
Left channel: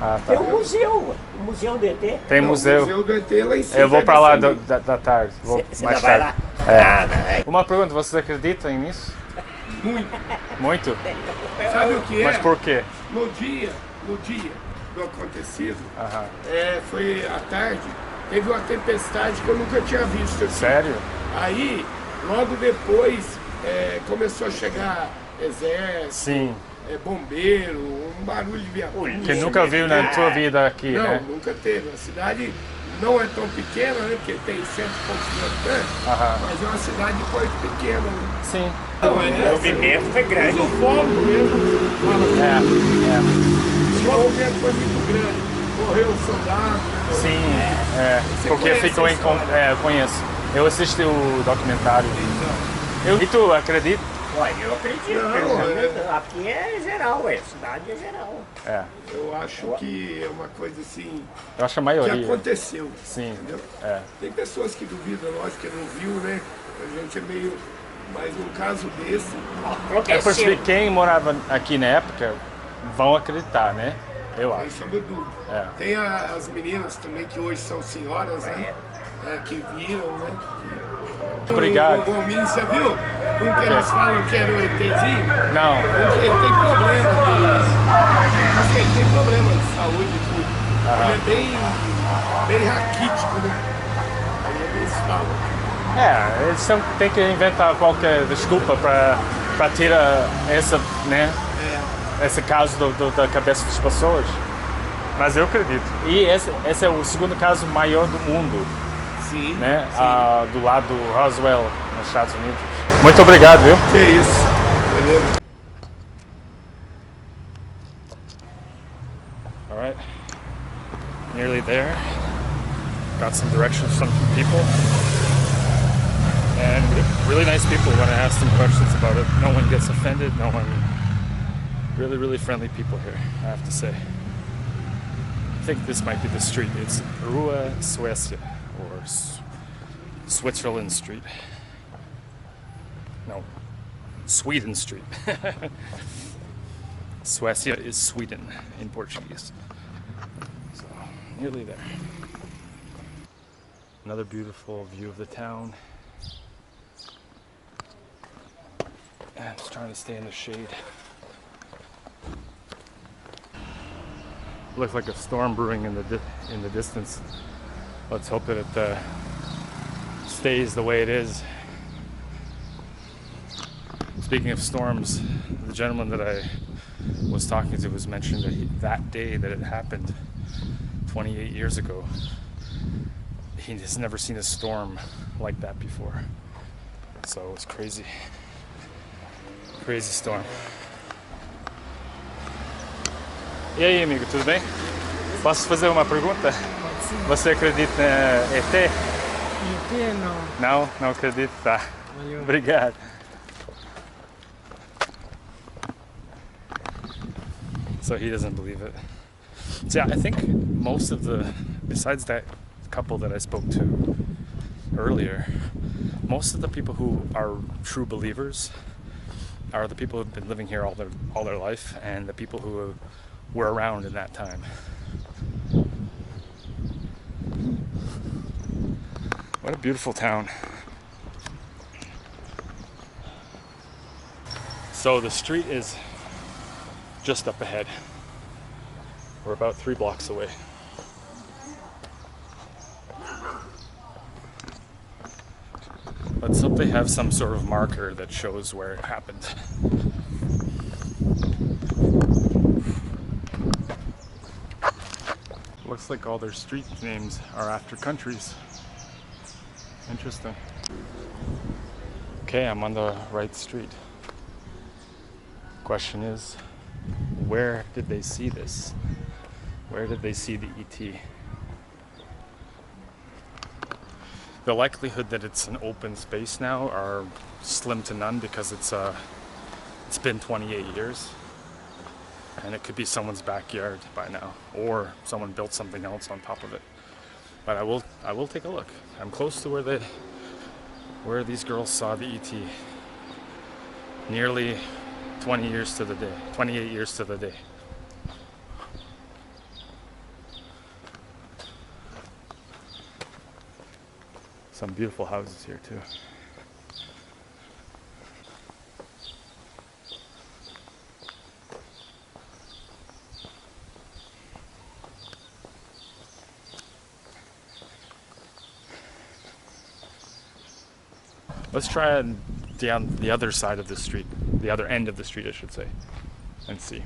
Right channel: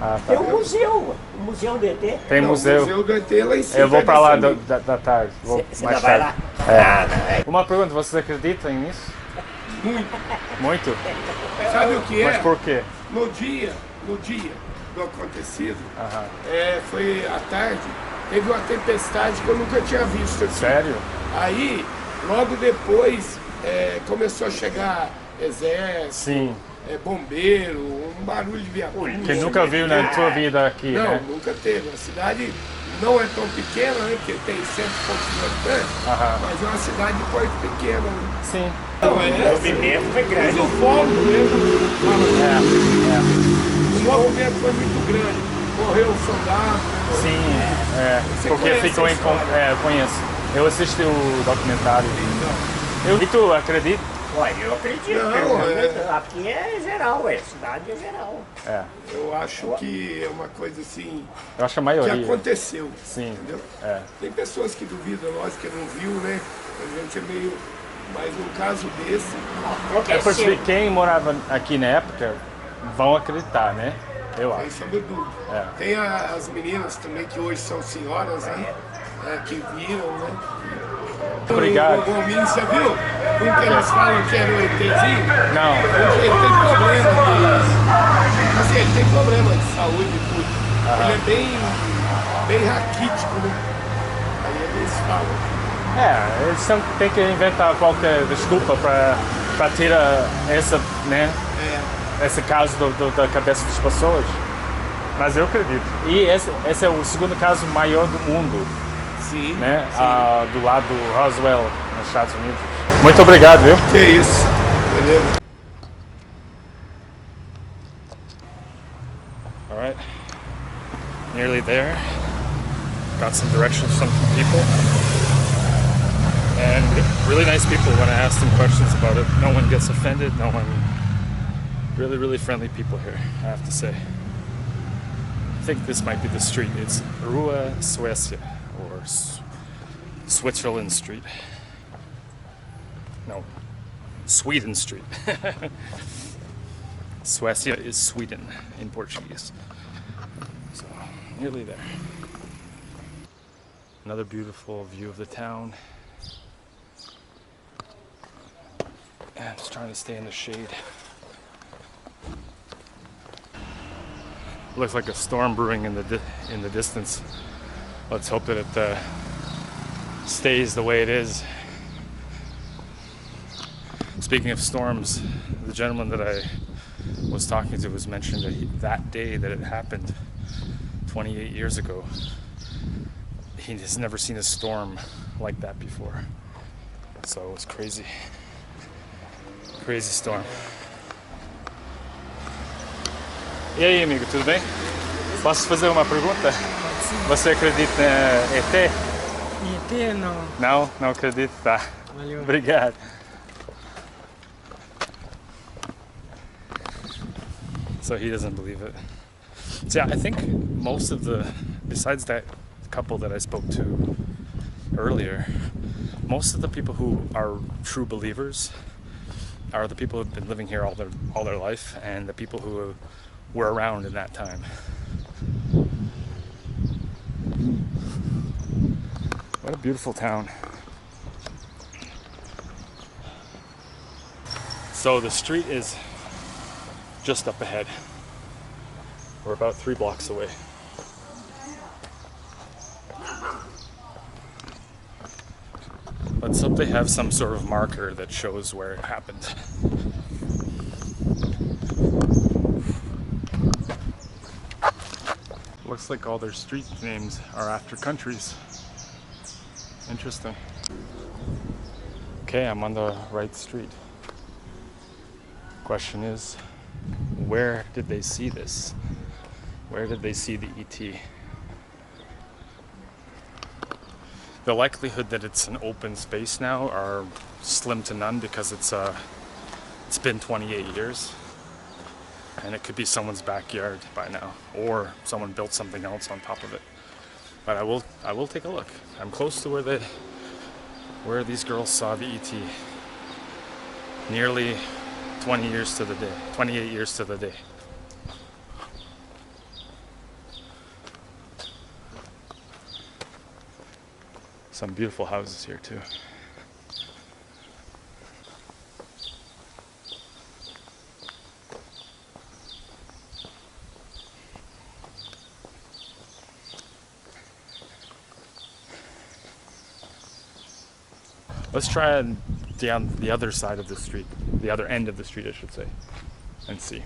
Ah, tá. Tem um museu, o Museu do ET. Tem Não, museu. O museu do ET lá em cima. Eu vou pra lá descendo. da tarde. Vou Você mais não vai tarde. lá? É. Uma pergunta, vocês acreditam nisso? Muito. Muito? Sabe o que é? Mas por quê? No dia do acontecido, Aham. foi à tarde, teve uma tempestade que eu nunca tinha visto aqui. Sério? Aí, logo depois, começou a chegar exército, Sim. Bombeiro, um barulho de viatura. Que nunca viu na tua vida aqui, Não, né? nunca teve. A cidade não é tão pequena, né? Porque tem 100 e poucos mil habitantes, Aham. mas é uma cidade de porte pequeno. Né? Sim. Não, O movimento foi grande. Os ufólogos mesmo falam É. que o movimento foi muito grande. Morreu um soldado. Né? Sim, Você porque conhece ficou a em... história? eu conheço. Eu assisti o documentário. E tu acredita? Ué, eu acredito. Não, Aqui é geral, cidade é geral. É. Eu acho que é uma coisa assim Eu acho a que maioria. aconteceu. Sim. Entendeu? É. Tem pessoas que duvidam, lógico que não viu, né? A gente é meio. Mas num caso desse, É porque quem morava aqui na época vão acreditar, né? Eu sem acho. sombra de dúvida. É. Tem as meninas também que hoje são senhoras, né? Que viram, né? Obrigado. O Gominho, você viu? Um que eles falam que era o ETzinho. Não. Ele tem problema de. Assim, ele tem problema de saúde e tudo. Ele é bem raquítico, né? Aí eles falam. Eles têm que inventar qualquer desculpa para tirar essa, né? Esse caso da cabeça das pessoas. Mas eu acredito. E esse é o segundo caso maior do mundo. Sim. Né? Do lado do Roswell, nos Estados Unidos. Muito obrigado, viu? Que isso. Beleza. All right. Nearly there. Got some directions from some people. And really nice people when I ask them questions about it. No one gets offended. No one. Really, really friendly people here, I have to say. I think this might be the street. It's Rua Suécia, or Switzerland Street. No, Sweden Street. Suécia is Sweden in Portuguese. So, nearly there. Another beautiful view of the town. And I'm just trying to stay in the shade. Looks like a storm brewing in the distance. Let's hope that it stays the way it is. Speaking of storms, the gentleman that I was talking to was mentioning that that day that it happened 28 years ago, he has never seen a storm like that before. So it was crazy. Crazy storm. E aí, amigo, tudo bem? Posso fazer uma pergunta? Você acredita em ET? ET não. Não? Não acredito? Tá. Valeu. Obrigado. So he doesn't believe it. So yeah, I think most of besides that couple that I spoke to earlier, most of the people who are true believers are the people who've been living here all their life, and the people who were around in that time. What a beautiful town. So the street is just up ahead. We're about 3 blocks away. Let's hope they have some sort of marker that shows where it happened. Looks like all their street names are after countries. Interesting. Okay, I'm on the right street. Question is, where did they see this? Where did they see the ET? The likelihood that it's an open space now are slim to none because it's been 28 years. And it could be someone's backyard by now, or someone built something else on top of it. But I will take a look. I'm close to where these girls saw the ET. Nearly 20 years to the day, 28 years to the day. Some beautiful houses here too. Let's try down the other side of the street, the other end of the street, I should say, and see.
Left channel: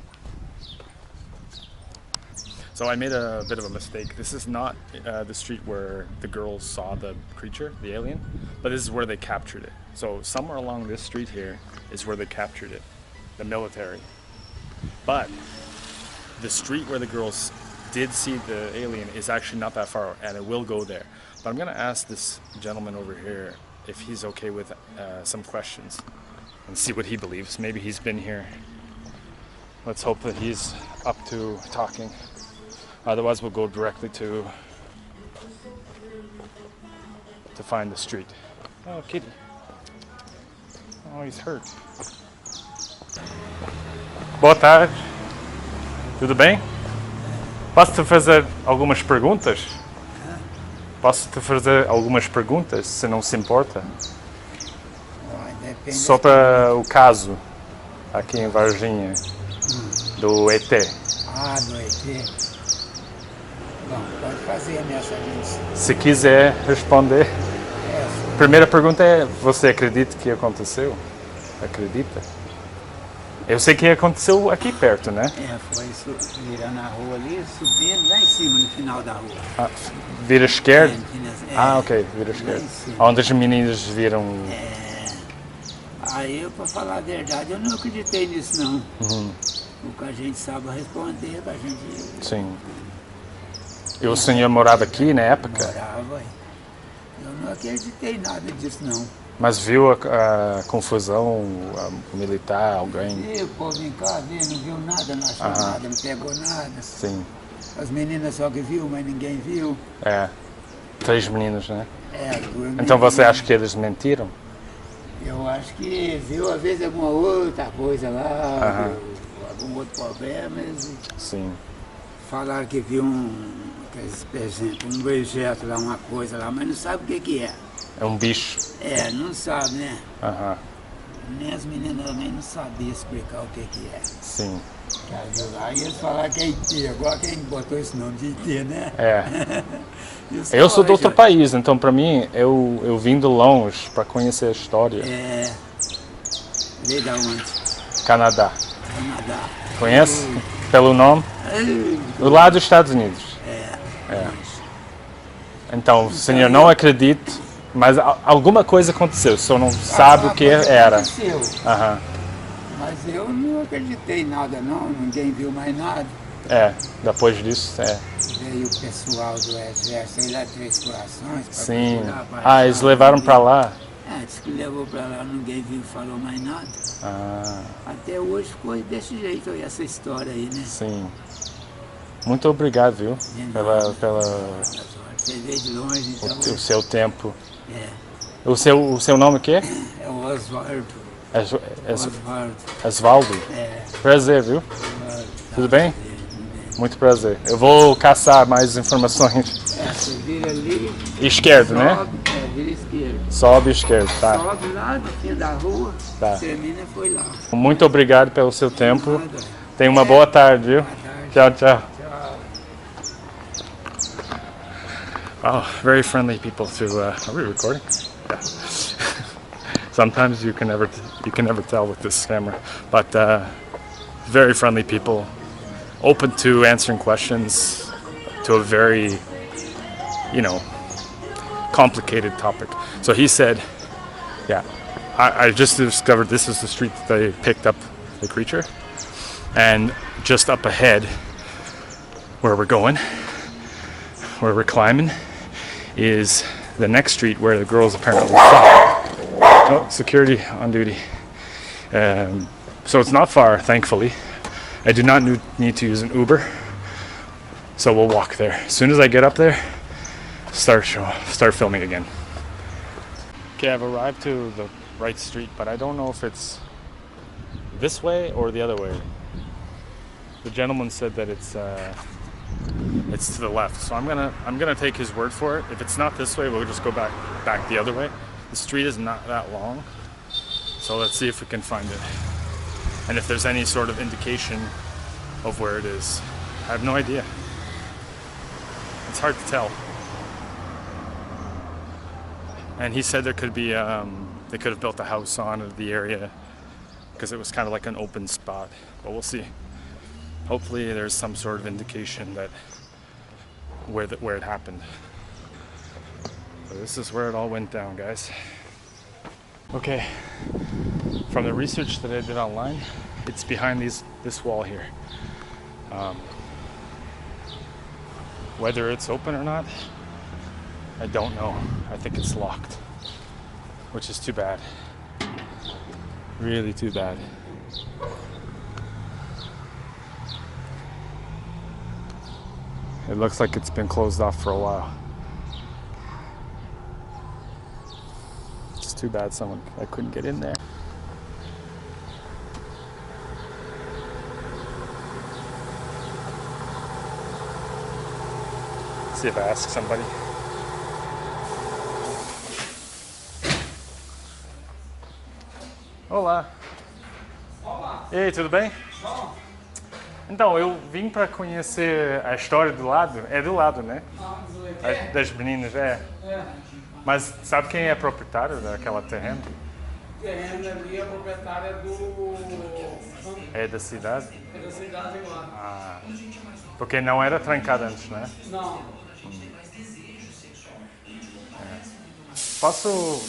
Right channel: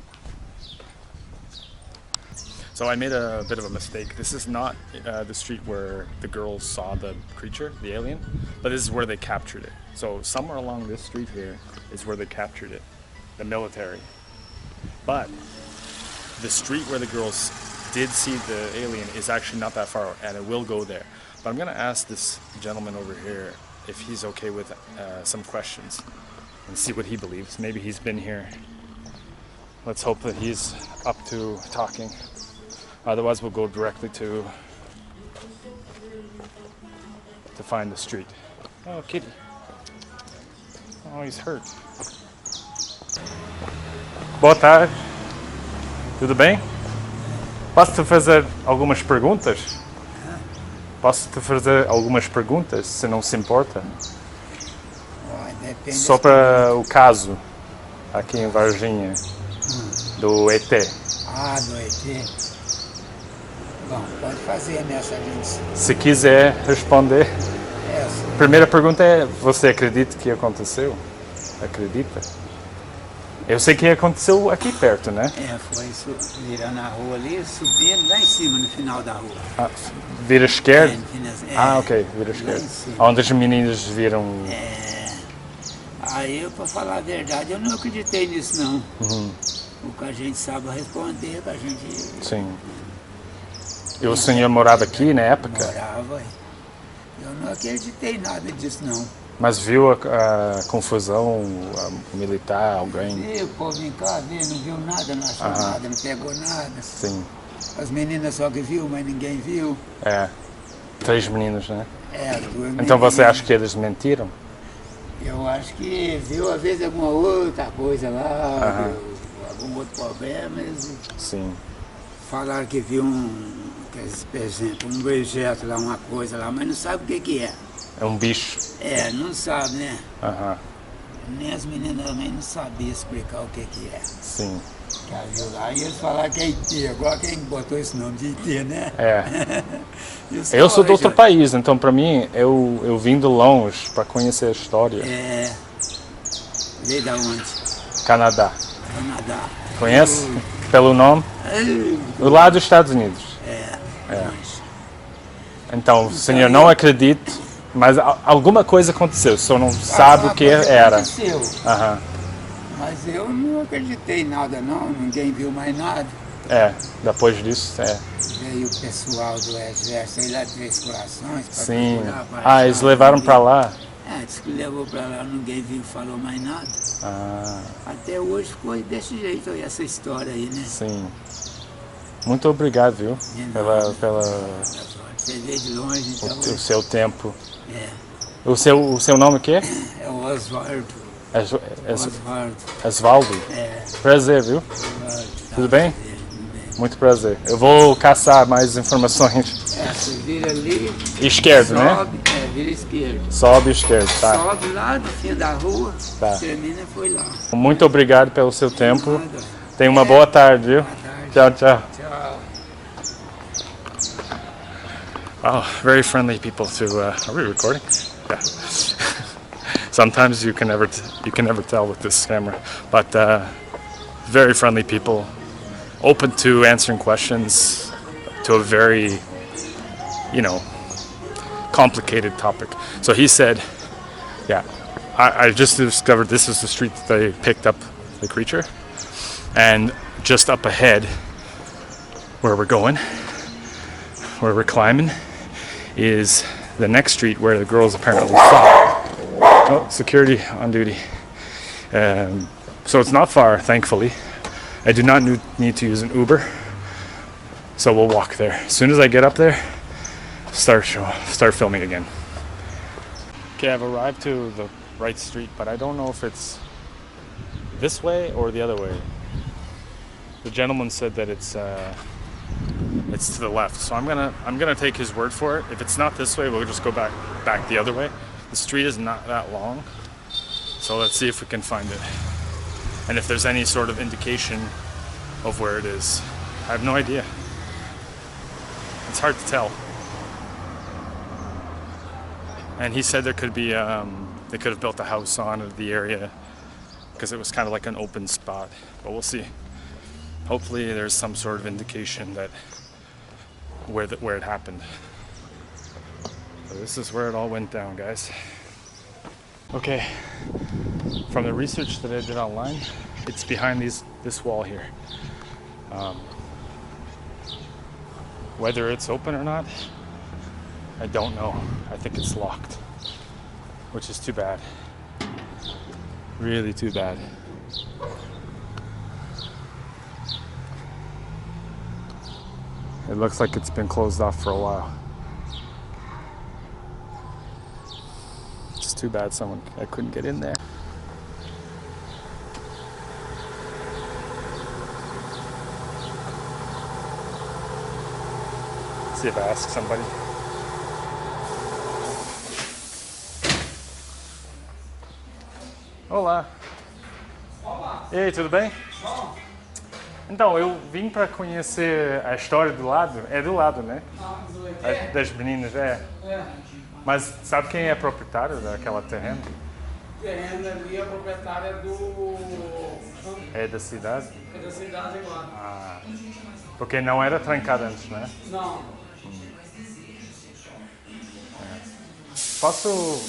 So I made a bit of a mistake. This is not the street where the girls saw the creature, the alien, but this is where they captured it. So somewhere along this street here is where they captured it, the military. But the street where the girls did see the alien is actually not that far, and it will go there. But I'm gonna ask this gentleman over here if he's okay with some questions and see what he believes. Maybe he's been here. Let's hope that he's up to talking. Otherwise we'll go directly to find the street. Oh, kitty. Oh, he's hurt. Boa tarde. Tudo bem? Posso te fazer algumas perguntas? Posso te fazer algumas perguntas, se não se importa? Sobre o caso aqui em Varginha do ET. Ah, do ET. Bom, pode fazer nessa gente. Se quiser responder. Primeira pergunta é: você acredita que aconteceu? Acredita? Eu sei que aconteceu aqui perto, né? Foi virando a rua ali, subindo lá em cima, no final da rua. Ah, vira esquerda? Ok, vira esquerda. Onde as meninas viram... Aí, pra falar a verdade, eu não acreditei nisso, não. O que a gente sabe responder, que a gente... Sim. E o senhor morava aqui na época? Morava. Eu não acreditei nada disso, não. Mas viu a confusão militar, alguém? Viu, o povo vem cá ver, não viu nada, não achou nada, não pegou nada. Sim. As meninas só que viu, mas ninguém viu. 3 meninos, né? As 2 meninas. Então você acha que eles mentiram? Eu acho que viu, às vezes, alguma outra coisa lá, algum outro problema. Sim. Falaram que viu por exemplo, um objeto lá, uma coisa lá, mas não sabe o que é. É um bicho. Não sabe, né? Nem as meninas também não sabiam explicar o que é. Sim. Viu lá, e eles falaram que é IT, agora quem botou esse nome de IT, né? Eu sou de outro país, então para mim, eu vim de longe para conhecer a história. Veio da onde? Canadá. Canadá. Conhece? Pelo nome? Do lado dos Estados Unidos. Então, o senhor não acredita, mas alguma coisa aconteceu, só não sabe o que era. Aconteceu. Mas eu não acreditei em nada, não, ninguém viu mais nada. Depois disso, Veio o pessoal do exército aí lá de Três Corações. Sim. Eles levaram para lá? Disse que levou para lá, ninguém viu, falou mais nada. Até hoje ficou desse jeito aí, essa história aí, né? Sim. Muito obrigado, viu? Pela Você veio de longe, então... O seu tempo. O seu nome o quê? É o Osvaldo. Osvaldo? Prazer, viu? Tudo bem? Muito prazer. Eu vou caçar mais informações. Você vira ali... Esquerdo, né? Vira esquerdo. Sobe esquerdo, tá. Sobe lá do fim da rua, termina e foi lá. Muito obrigado pelo seu tempo. Tenha uma boa tarde, viu? Tchau, tchau. Wow, very friendly people to. Are we recording? Yeah. Sometimes you can never tell with this camera, but very friendly people, open to answering questions to a very, complicated topic. So he said, I just discovered this is the street that they picked up the creature, and just up ahead, where we're going, where we're climbing, is the next street where the girls apparently saw. Oh, security on duty. So it's not far, thankfully. I do not need to use an Uber, so we'll walk there. As soon as I get up there, start filming again. Okay, I've arrived to the right street, but I don't know if it's this way or the other way. The gentleman said that it's to the left, so I'm gonna take his word for it. If it's not this way, we'll just go back the other way. The street is not that long, so let's see if we can find it, and if there's any sort of indication of where it is. I have no idea. It's hard to tell. And he said there could be they could have built a house on the area because it was kind of like an open spot, but we'll see. Hopefully there's some sort of indication that where it happened. So this is where it all went down, guys. Okay, from the research that I did online, it's behind this wall here. Whether it's open or not, I don't know. I think it's locked, which is too bad. Really too bad. It looks like it's been closed off for a while. It's too bad I couldn't get in there. See if I ask somebody. Olá. Olá. E aí, tudo bem? Bom. Então, eu vim para conhecer a história do lado. É do lado, né? Das meninas, é. Mas sabe quem é proprietário daquela terreno? Terreno ali, a proprietária é do... É da cidade? É da cidade agora. Ah, porque não era trancada antes, né? Não.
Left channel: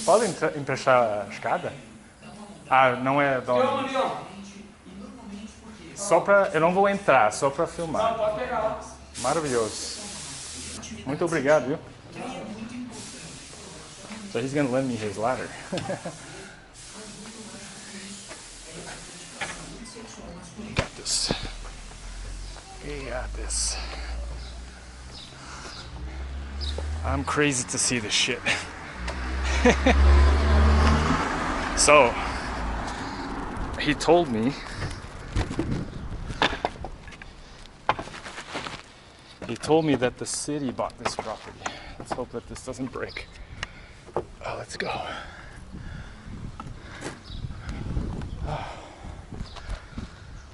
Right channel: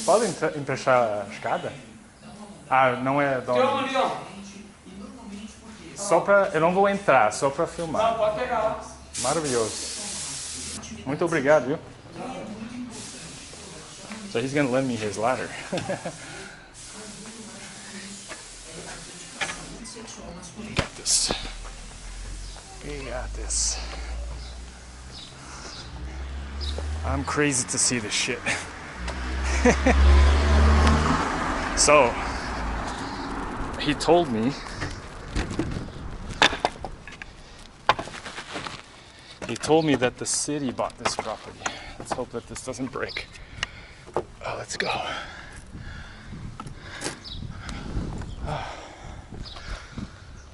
Pode emprestar a escada? Ah, não é dono. Só pra... Eu não vou entrar, só pra filmar. Não, pode pegar. Maravilhoso. Muito obrigado, viu? So he's gonna lend me his ladder. We got this. We got this. I'm crazy to see this shit. So, he told me that the city bought this property. Let's hope that this doesn't break. Oh, let's go.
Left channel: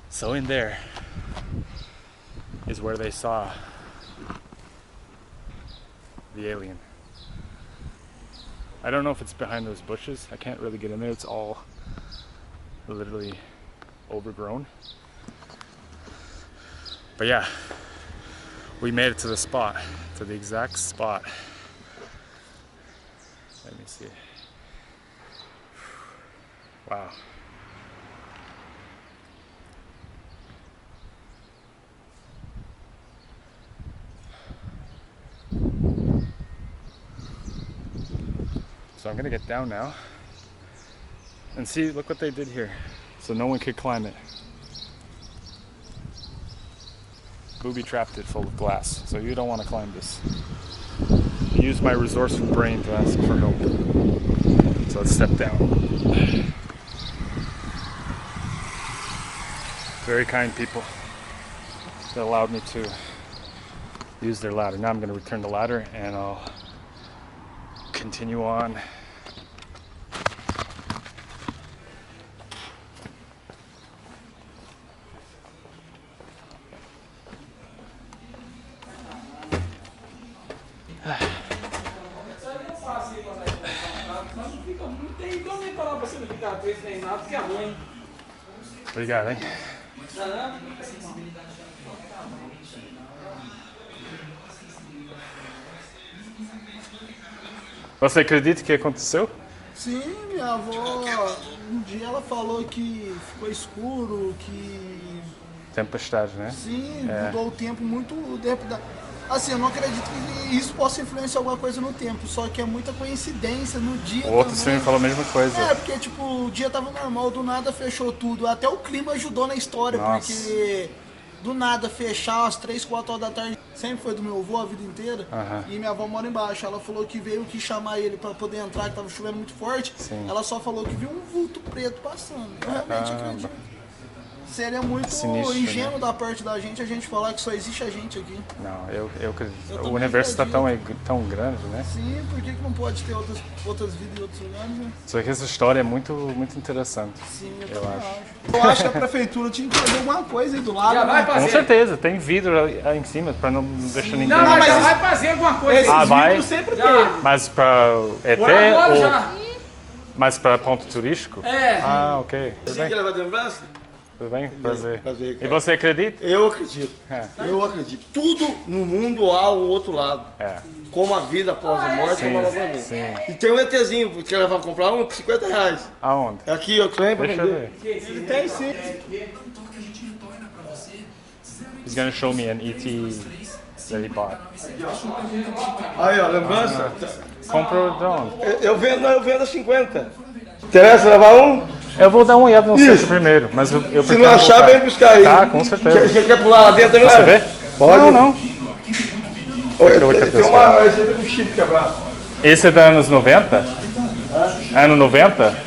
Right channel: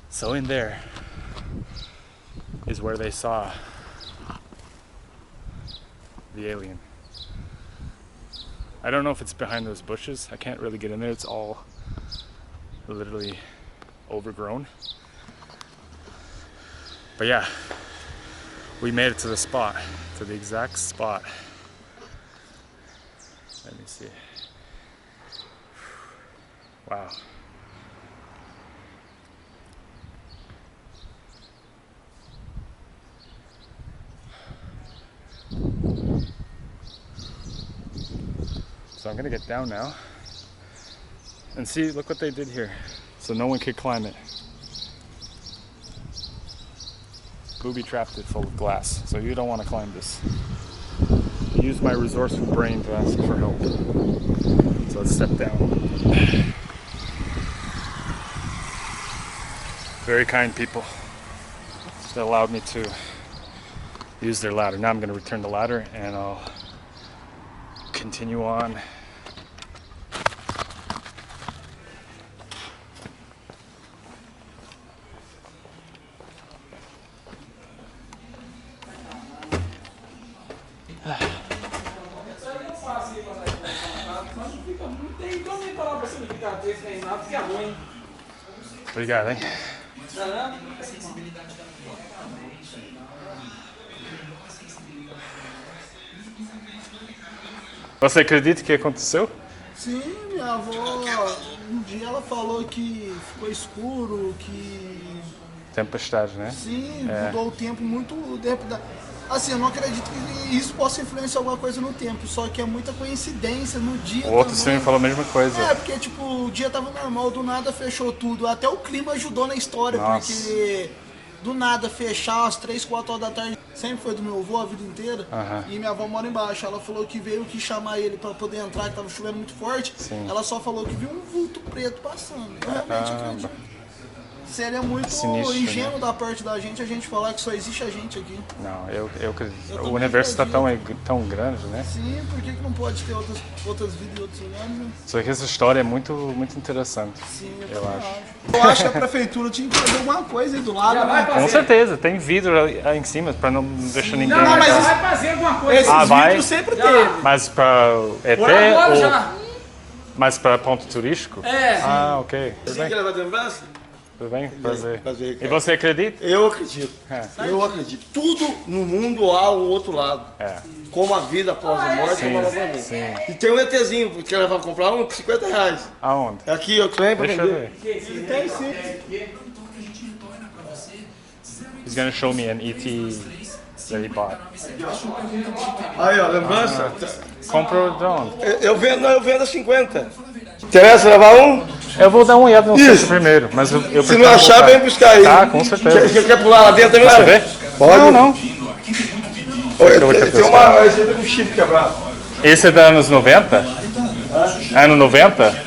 So in there is where they saw the alien. I don't know if it's behind those bushes. I can't really get in there. It's all literally overgrown. But yeah, we made it to the spot, to the exact spot. Let me see. Wow. So I'm gonna get down now and see, look what they did here. So no one could climb it. Booby trapped it full of glass, so you don't want to climb this. I used my resourceful brain to ask for help. So let's step down. Very kind people that allowed me to use their ladder. Now I'm going to return the ladder and I'll continue on. Obrigado, hein? Você acredita que aconteceu? Sim, minha avó, um dia ela falou que ficou escuro, que... Tempestade, né? Sim, mudou o tempo muito... Assim, eu não acredito que isso possa influenciar alguma coisa no tempo, só que é muita coincidência no dia O outro também. sim falou a mesma coisa. É, porque tipo, o dia tava normal, do nada fechou tudo. Até o clima ajudou na história, Nossa. porque do nada fechar às 3, 4 horas da tarde, sempre foi do meu avô a vida inteira. E minha avó mora embaixo, ela falou que veio que chamar ele pra poder entrar, que tava chovendo muito forte. Sim. Ela só falou que viu um vulto preto passando. Eu realmente acredito. Seria muito sinistro, ingênuo né? da parte da gente falar que só existe a gente aqui. Não, eu acredito. Eu O também universo está acredito. tão grande, né? Sim, por que não pode ter outras vidas em outros lugares, né? Só que essa história é muito interessante. Sim, eu acho. Eu acho que a prefeitura tinha que fazer alguma coisa aí do lado, Já vai né? fazer. Com certeza, tem vidro aí em cima para não deixar ninguém. Não, mas entrar. já vai fazer alguma coisa. Esses vai? vidros sempre Já. teve. Mas para ET Por agora ou já. mas para ponto turístico? É. Ah, ok. Tudo Você bem? quer levar de lembrança? Tudo bem? Prazer. Prazer, E cara. você acredita? Eu acredito. É. Eu acredito. Tudo no mundo há um outro lado. É. Como a vida após a morte, Sim, como ela vai vir. sim. E tem um ETzinho, quer levar comprar um? R$50. Aonde? É aqui, ó, tem pra Deixa eu vender. ver. Ele tem sim. He's gonna show me an ET that he bought. Aí, ó, lembrança. Comprou de onde? Eu vendo a 50. Interessa levar um? Eu vou dar uma olhada no site primeiro, mas eu Se pretendo não achar, voltar. vem buscar aí. Tá, com certeza. Você quer pular lá dentro também? Você Léo? vê? Pode. Não. Olha, vou ter tem pessoal. uma receita com chip quebrado. Esse é dos anos 90? Ano 90?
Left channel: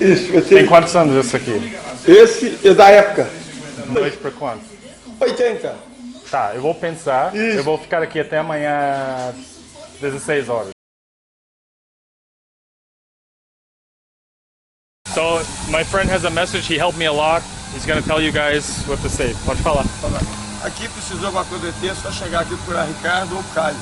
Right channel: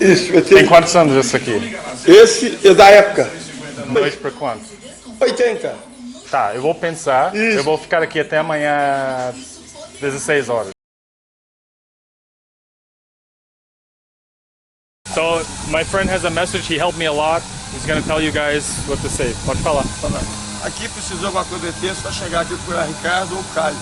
Isso, Tem quantos anos esse aqui? esse é da época. 2 por quanto? 80. Tá, eu vou pensar. Isso. Eu vou ficar aqui até amanhã 16 horas. So, my friend has a message. He helped me a lot. He's going to tell you guys what to say. Pode falar. Aqui precisou alguma coisa do ET, é só chegar aqui procurar Ricardo ou Caio.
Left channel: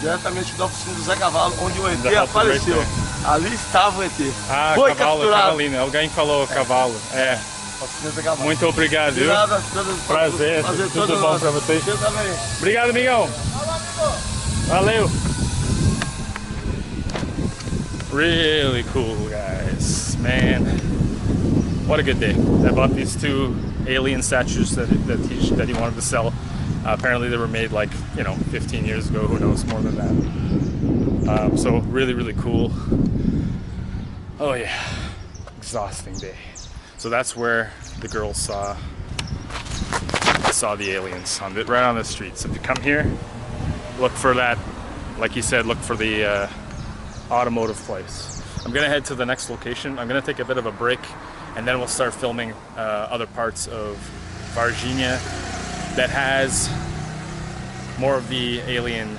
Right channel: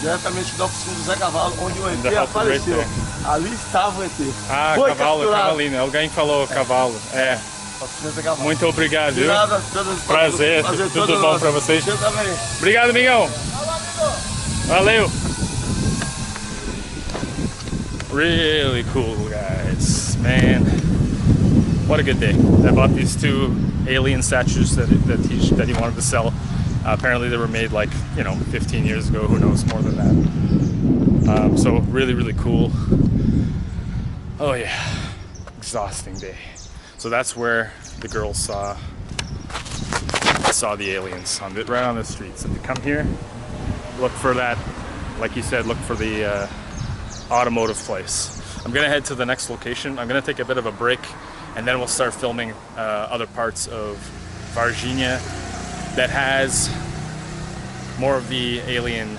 Diretamente da oficina do Zé Cavalo, onde o ET The house is right apareceu. there. Ali estava o ET. Ah, Foi cavalo, capturado. cavalino. Alguém falou cavalo. É. Oficina do Zé Cavalo. Muito obrigado, De viu? nada, Prazer. Tudo todo bom nosso. pra vocês? Você também. Obrigado, amigão. Valeu. Really cool, guys. Man, what a good day. I bought these two alien statues that he wanted to sell. Apparently they were made like, 15 years ago. Who knows, more than that. So really cool. Oh yeah, exhausting day. So that's where the girls saw the aliens right on the street. So if you come here, look for that. Like he said, look for the automotive place. I'm gonna head to the next location. I'm gonna take a bit of a break, and then we'll start filming other parts of Varginha that has more of the alien,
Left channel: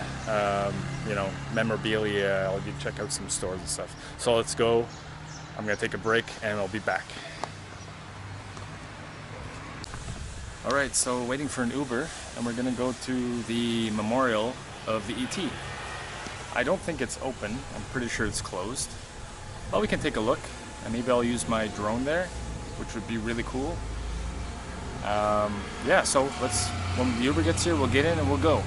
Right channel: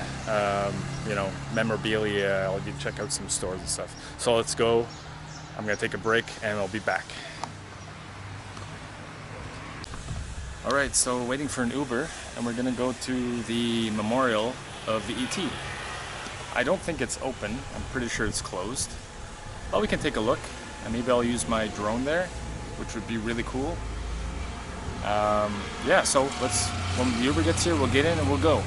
memorabilia. I'll check out some stores and stuff. So let's go. I'm gonna take a break, and I'll be back. All right, so waiting for an Uber, and we're gonna go to the memorial of the ET. I don't think it's open. I'm pretty sure it's closed. But we can take a look, and maybe I'll use my drone there, which would be really cool. Yeah, so when the Uber gets here, we'll get in and we'll go.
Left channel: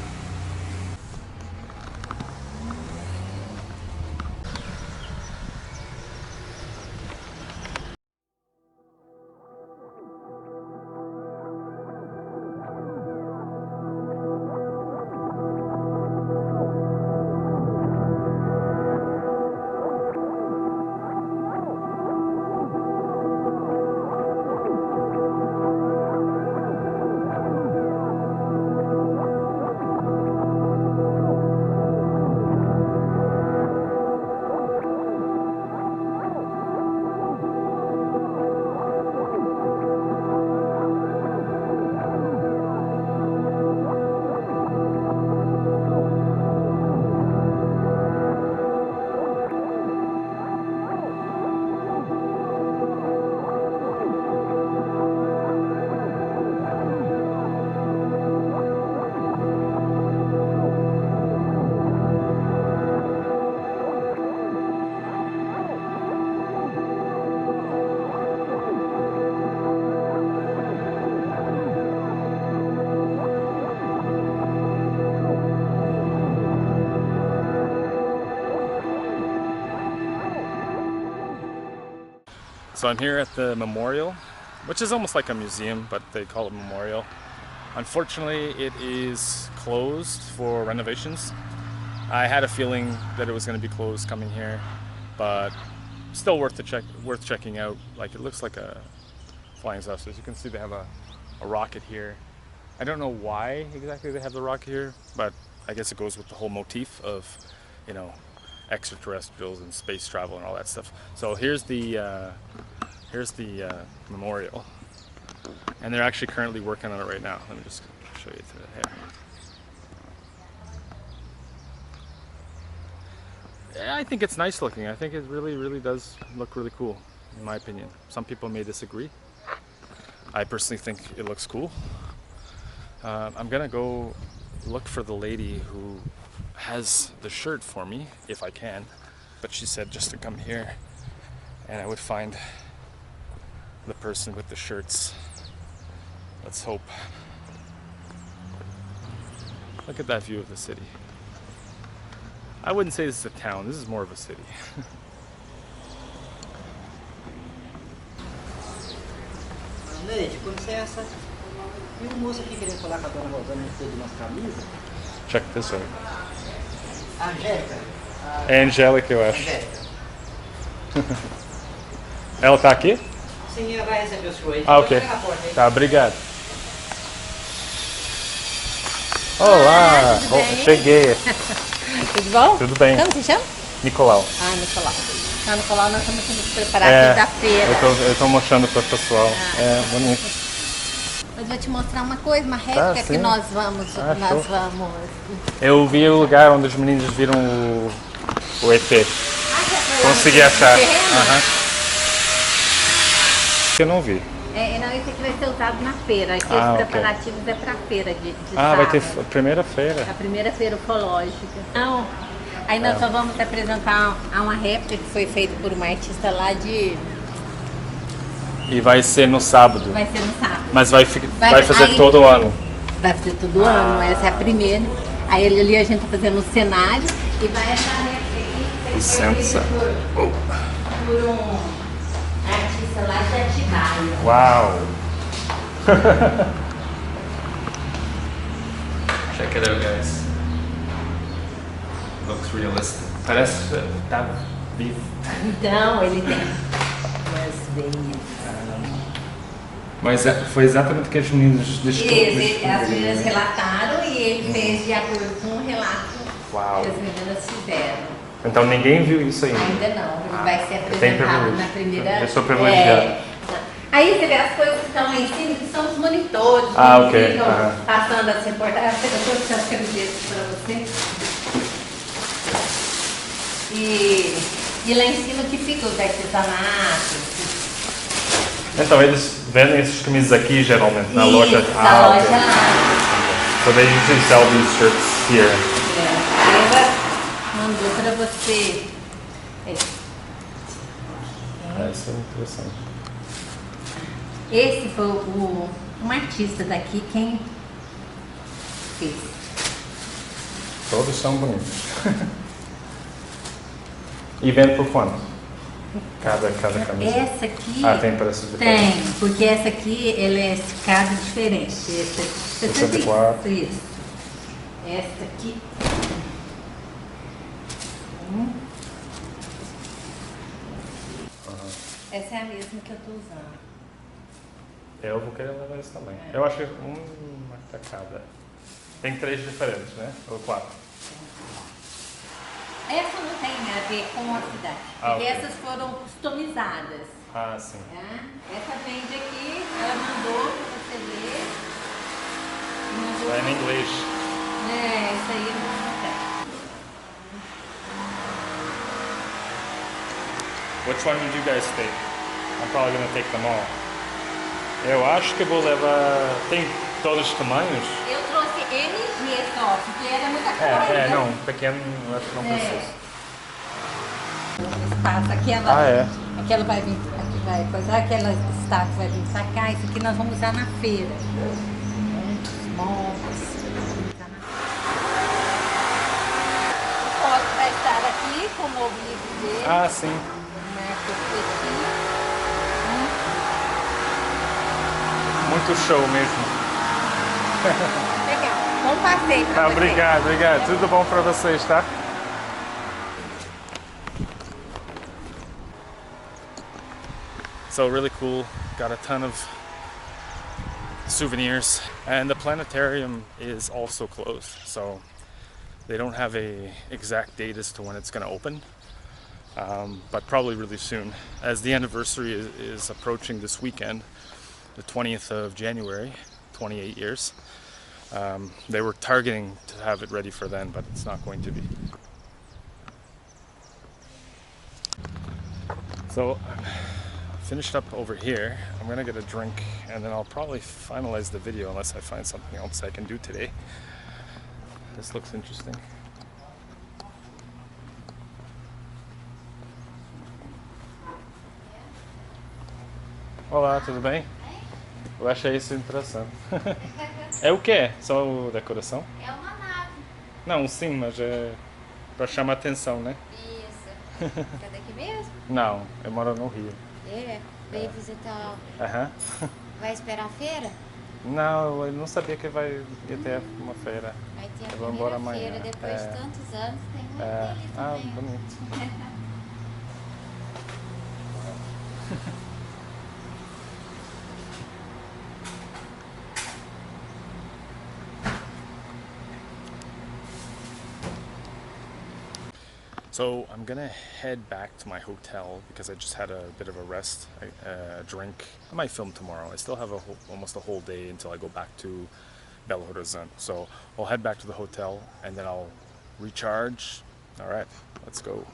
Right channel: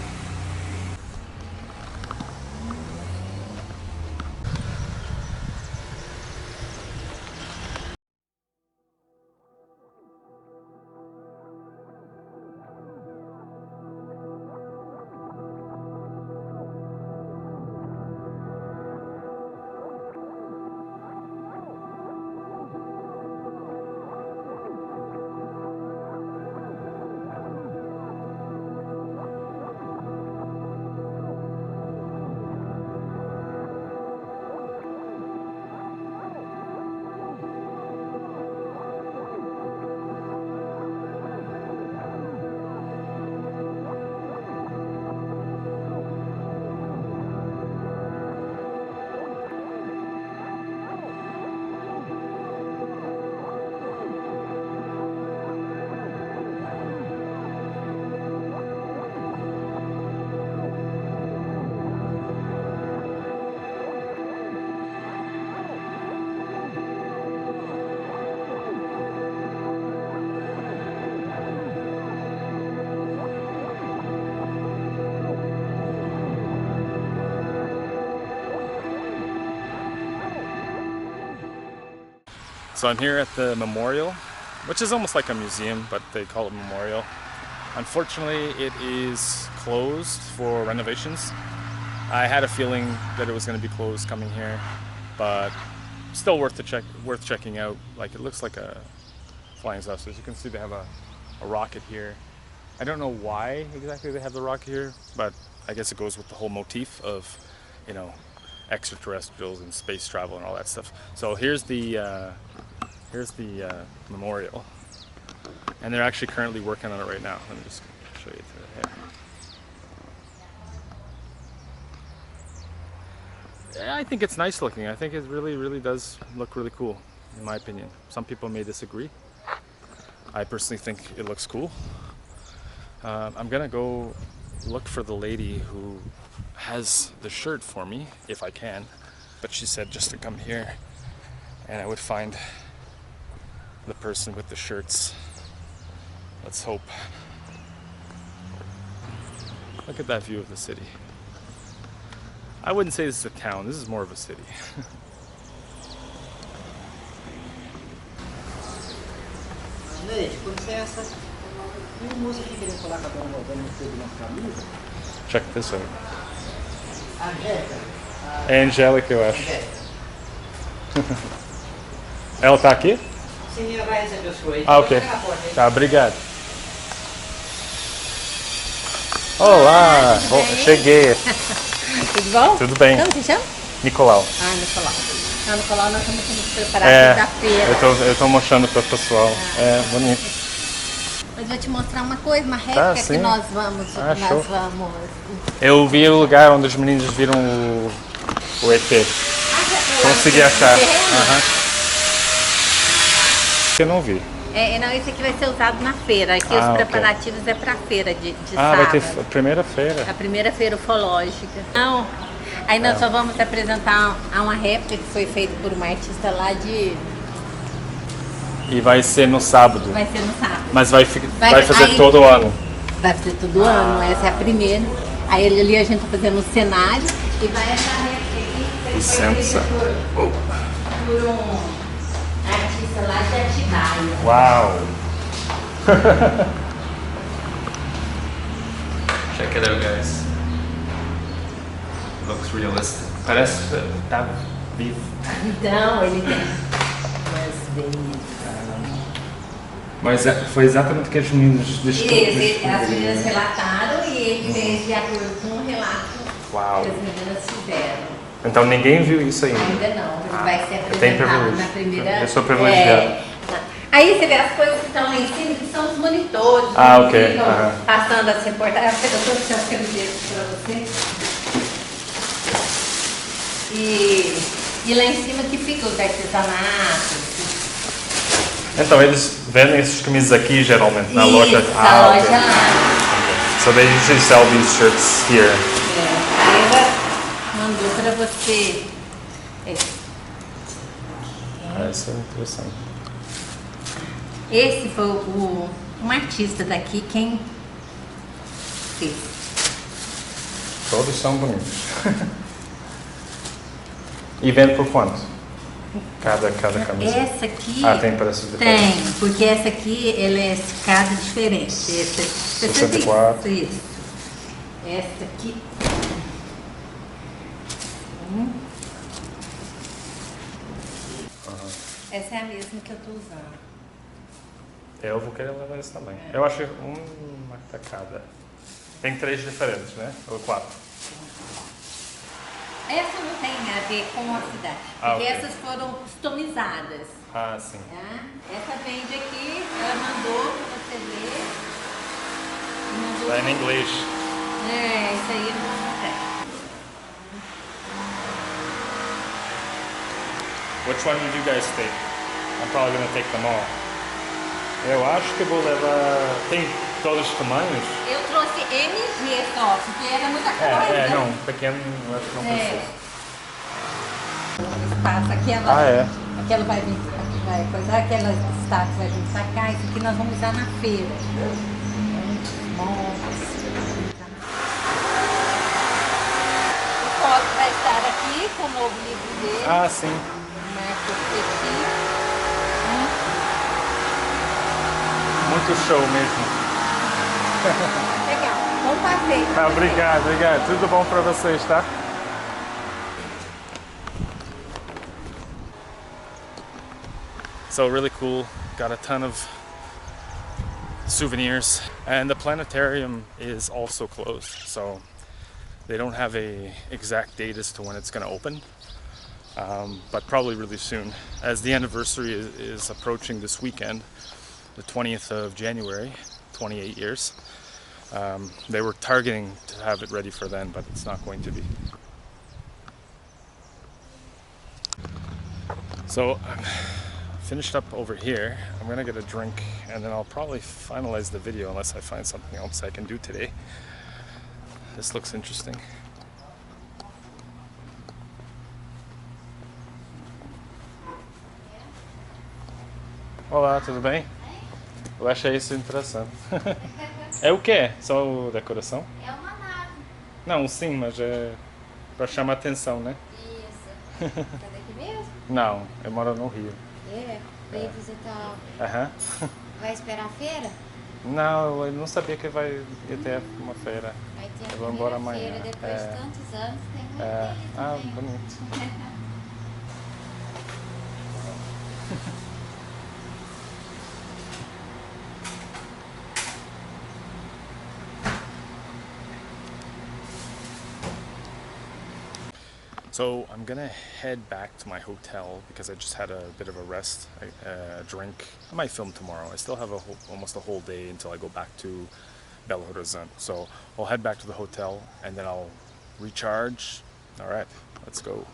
So I'm here at the memorial, which is almost like a museum, but they call it memorial. Unfortunately, it is closed for renovations. I had a feeling that it was going to be closed coming here, but still worth checking out. Like, it looks like a flying saucer. As you can see, they have a rocket here. I don't know why exactly they have the rocket here, but I guess it goes with the whole motif of, extraterrestrials and space travel and all that stuff. So here's the memorial. And they're actually currently working on it right now. Let me just show you through the hair. Yeah, I think it's nice looking. I think it really does look really cool, in my opinion. Some people may disagree. I personally think it looks cool. I'm gonna go look for the lady who has the shirt for me, if I can. But she said just to come here and I would find the person with the shirts. Let's hope. Look at that view of the city. I wouldn't say this is a town, this is more of a city. Leite, com licença. E o moço aqui querendo falar com a dona Rosana de nossa camisa? Check this out. A Angélica. É Angélica, eu acho. Ela tá aqui? Sim, ela vai receber o senhor aí. Ah, ok. Tá, obrigado. Olá! Cheguei. Tudo bom? Tudo bem. Como se chama? Nicolau. Ah, Nicolau. Então, Nicolau, nós estamos aqui preparados da feira. Eu tô mostrando para o pessoal. É bonito. Mas vou te mostrar uma coisa, uma réplica que nós vamos. Eu vi o lugar onde os meninos viram o ET. Consegui achar. Eu não vi. Não, esse aqui vai ser usado na feira. Aqui os preparativos é para feira de sábado. Vai ter a primeira feira. A primeira feira ufológica. Não. Aí nós só vamos apresentar uma réplica que foi feita por uma artista lá de... E vai ser no sábado. Vai ser no sábado. Mas vai fazer aí, todo ano. Vai fazer todo ano, essa é a primeira. Aí ali a gente tá fazendo um cenário e vai essa réplica aqui. Licença. Por um artista lá de Atibaia. Uau! Check it out, guys. Looks realistic. Parece que tá vivo. Então, ele tem umas veias. Mas foi exatamente o que as meninas descobriram. As meninas relataram e ele fez de acordo com o relato que as meninas fizeram. Então ninguém viu isso ainda? Ainda não, ele vai ser apresentado na primeira... Eu sou privilegiado. Aí você vê as coisas que estão lá em cima, que são os monitores, ok. Ficam passando as reportagens. Eu estou deixando aquele texto para você. E lá em cima que ficam os artesanatos. Então eles vendem essas camisas aqui geralmente na loja. Na loja lá. So they usually sell these shirts here. Ela mandou para você. Isso é interessante. Esse foi um artista daqui quem fez. Todos são bonitos. E vende por quanto? Cada camisa? Essa aqui... tem preços diferentes? Tem, porque essa aqui ela é cada diferente. Essa, 64. Isso. Essa aqui... Essa é a mesma que eu estou usando. Eu vou querer levar esse também. Eu acho uma tacada. Tem 3 diferentes, né? Ou 4? Essa não tem a ver com a cidade, porque essas foram customizadas. Sim. Essa vende aqui, ela mandou para você ler. Está em inglês. Isso aí não tem. Which one did you guys take? I'm probably going to take them all. Eu acho que vou levar... Tem todos os tamanhos? Eu trouxe MG só, porque era muita coisa. Não, pequeno eu acho que não precisa. Espaço, aquela vai vir, aqui vai coisar, aquela estátua vai vir pra cá, isso aqui nós vamos usar na feira. O foto vai estar aqui com o novo livro dele. Sim. Muito show mesmo. Legal, bom passeio. Obrigado. Tudo bom para vocês, tá? So really cool. Got a ton of souvenirs, and the planetarium is also closed. So they don't have a exact date as to when it's going to open, but probably really soon. As the anniversary is approaching this weekend, the 20th of January, 28 years. They were targeting to have it ready for then, but it's not going to be. So I'm finished up over here. I'm gonna get a drink and then I'll probably finalize the video unless I find something else I can do today. This looks interesting. Olá, tudo bem? Eu achei isso interessante. É o quê? Só decoração? É uma nave. Não, sim, mas é para chamar atenção, né? Isso. Tá daqui mesmo? Não, eu moro no Rio. É, veio visitar. Aham. Vai esperar a feira? Não, eu não sabia que ia ter uma feira. Vai ter a Eu vou embora primeira amanhã. feira, depois de tantos anos, tem muito aí Ah, também. bonito. So I'm gonna head back to my hotel because I just had a bit of a rest, a drink. I might film tomorrow. I still have almost a whole day until I go back to Belo Horizonte. So I'll head back to the hotel and then I'll recharge. All right, let's go.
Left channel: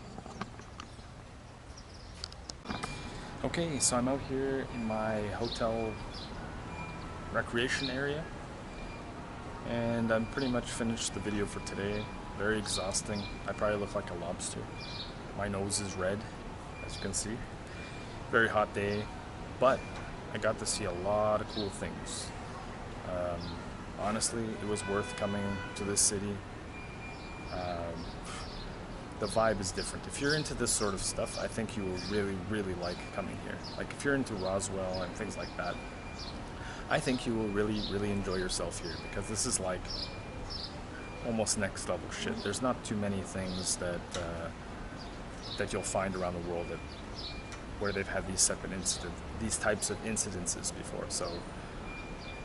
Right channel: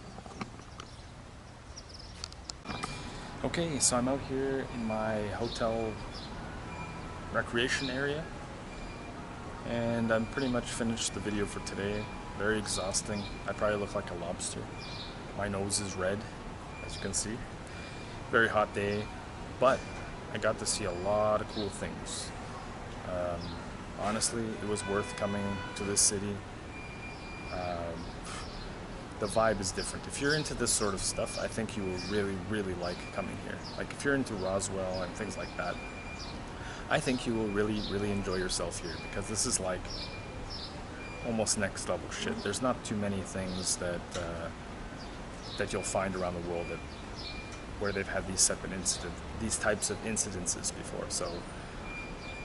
Okay, so I'm out here in my hotel recreation area and I'm pretty much finished the video for today. Very exhausting. I probably look like a lobster. My nose is red, as you can see. Very hot day, but I got to see a lot of cool things. Honestly, it was worth coming to this city. The vibe is different. If you're into this sort of stuff, I think you will really, really like coming here. Like if you're into Roswell and things like that, I think you will really, really enjoy yourself here because this is like almost next level shit. There's not too many things that that you'll find around the world where they've had these types of incidences before. So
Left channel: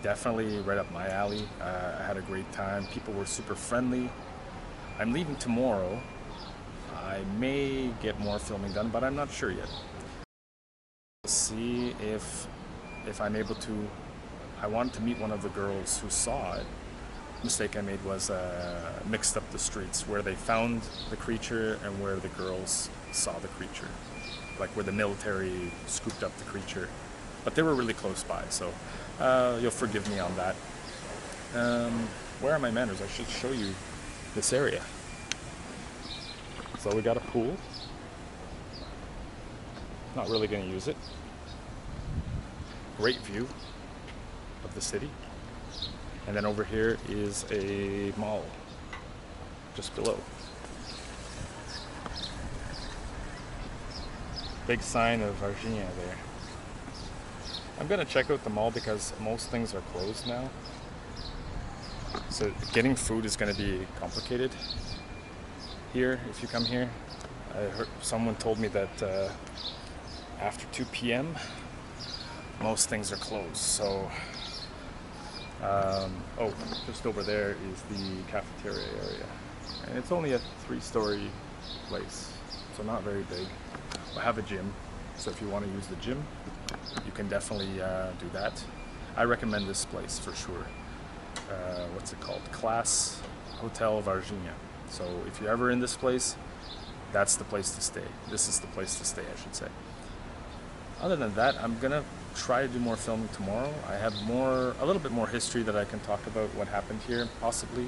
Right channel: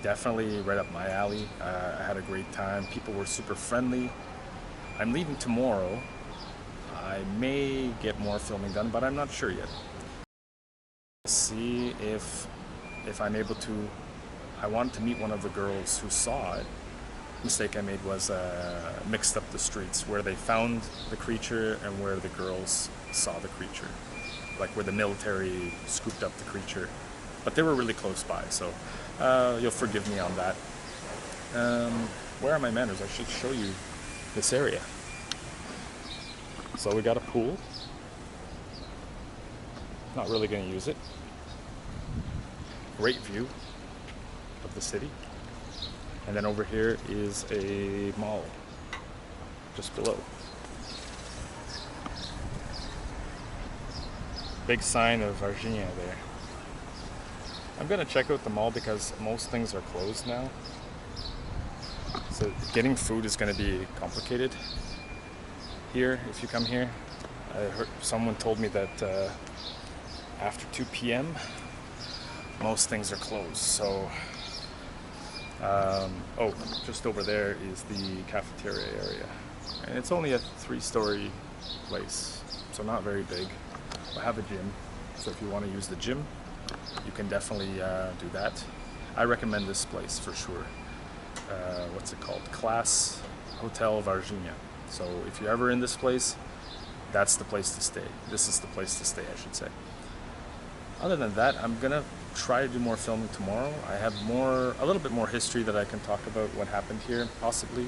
definitely right up my alley. I had a great time. People were super friendly. I'm leaving tomorrow. I may get more filming done, but I'm not sure yet. See if I'm able to. I wanted to meet one of the girls who saw it. The mistake I made was mixed up the streets where they found the creature and where the girls saw the creature, like where the military scooped up the creature, but they were really close by, so you'll forgive me on that. Where are my manners? I should show you this area. So we got a pool. Not really going to use it. Great view of the city. And then over here is a mall, just below. Big sign of Varginha there. I'm gonna check out the mall because most things are closed now. So getting food is gonna be complicated here if you come here. I heard someone told me that after 2 p.m. most things are closed. So oh, just over there is the cafeteria area. And it's only a 3-story place, so not very big. We have a gym, so if you want to use the gym, you can definitely do that. I recommend this place for sure. What's it called? Class Hotel Varginha. So if you're ever in this place, that's the place to stay. This is the place to stay, I should say. Other than that, I'm gonna try to do more filming tomorrow. I have a little bit more history that I can talk about what happened here, possibly.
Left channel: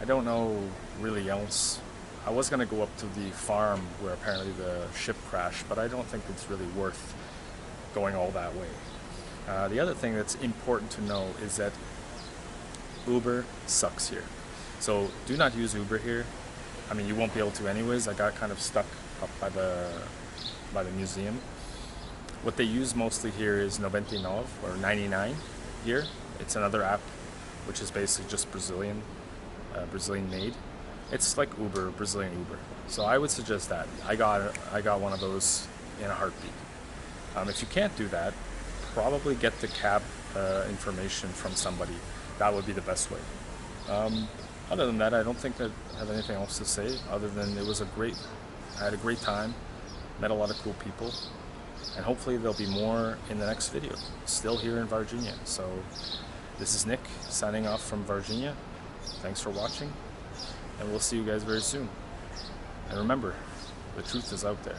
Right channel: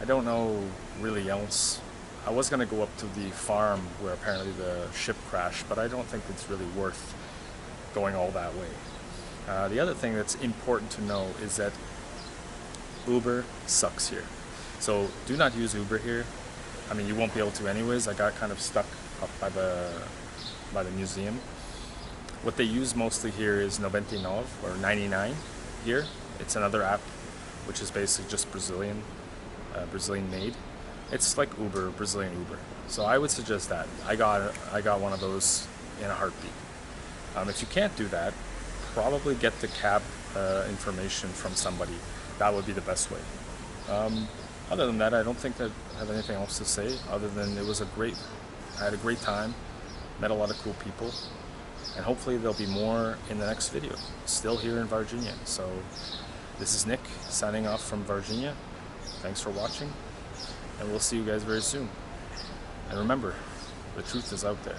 I don't know really else. I was gonna go up to the farm where apparently the ship crashed, but I don't think it's really worth going all that way. The other thing that's important to know is that Uber sucks here. So do not use Uber here. I mean, you won't be able to anyways. I got kind of stuck up by the museum. What they use mostly here is 99 or 99 here. It's another app which is basically just Brazilian made. It's like Uber, Brazilian Uber. So I would suggest that. I got one of those in a heartbeat. If you can't do that, probably get the cab information from somebody. That would be the best way. Other than that, I don't think that I have anything else to say other than I had a great time, met a lot of cool people. And hopefully there'll be more in the next video, still here in Varginha. So this is Nick signing off from Varginha. Thanks for watching, and we'll see you guys very soon. And remember, the truth is out there.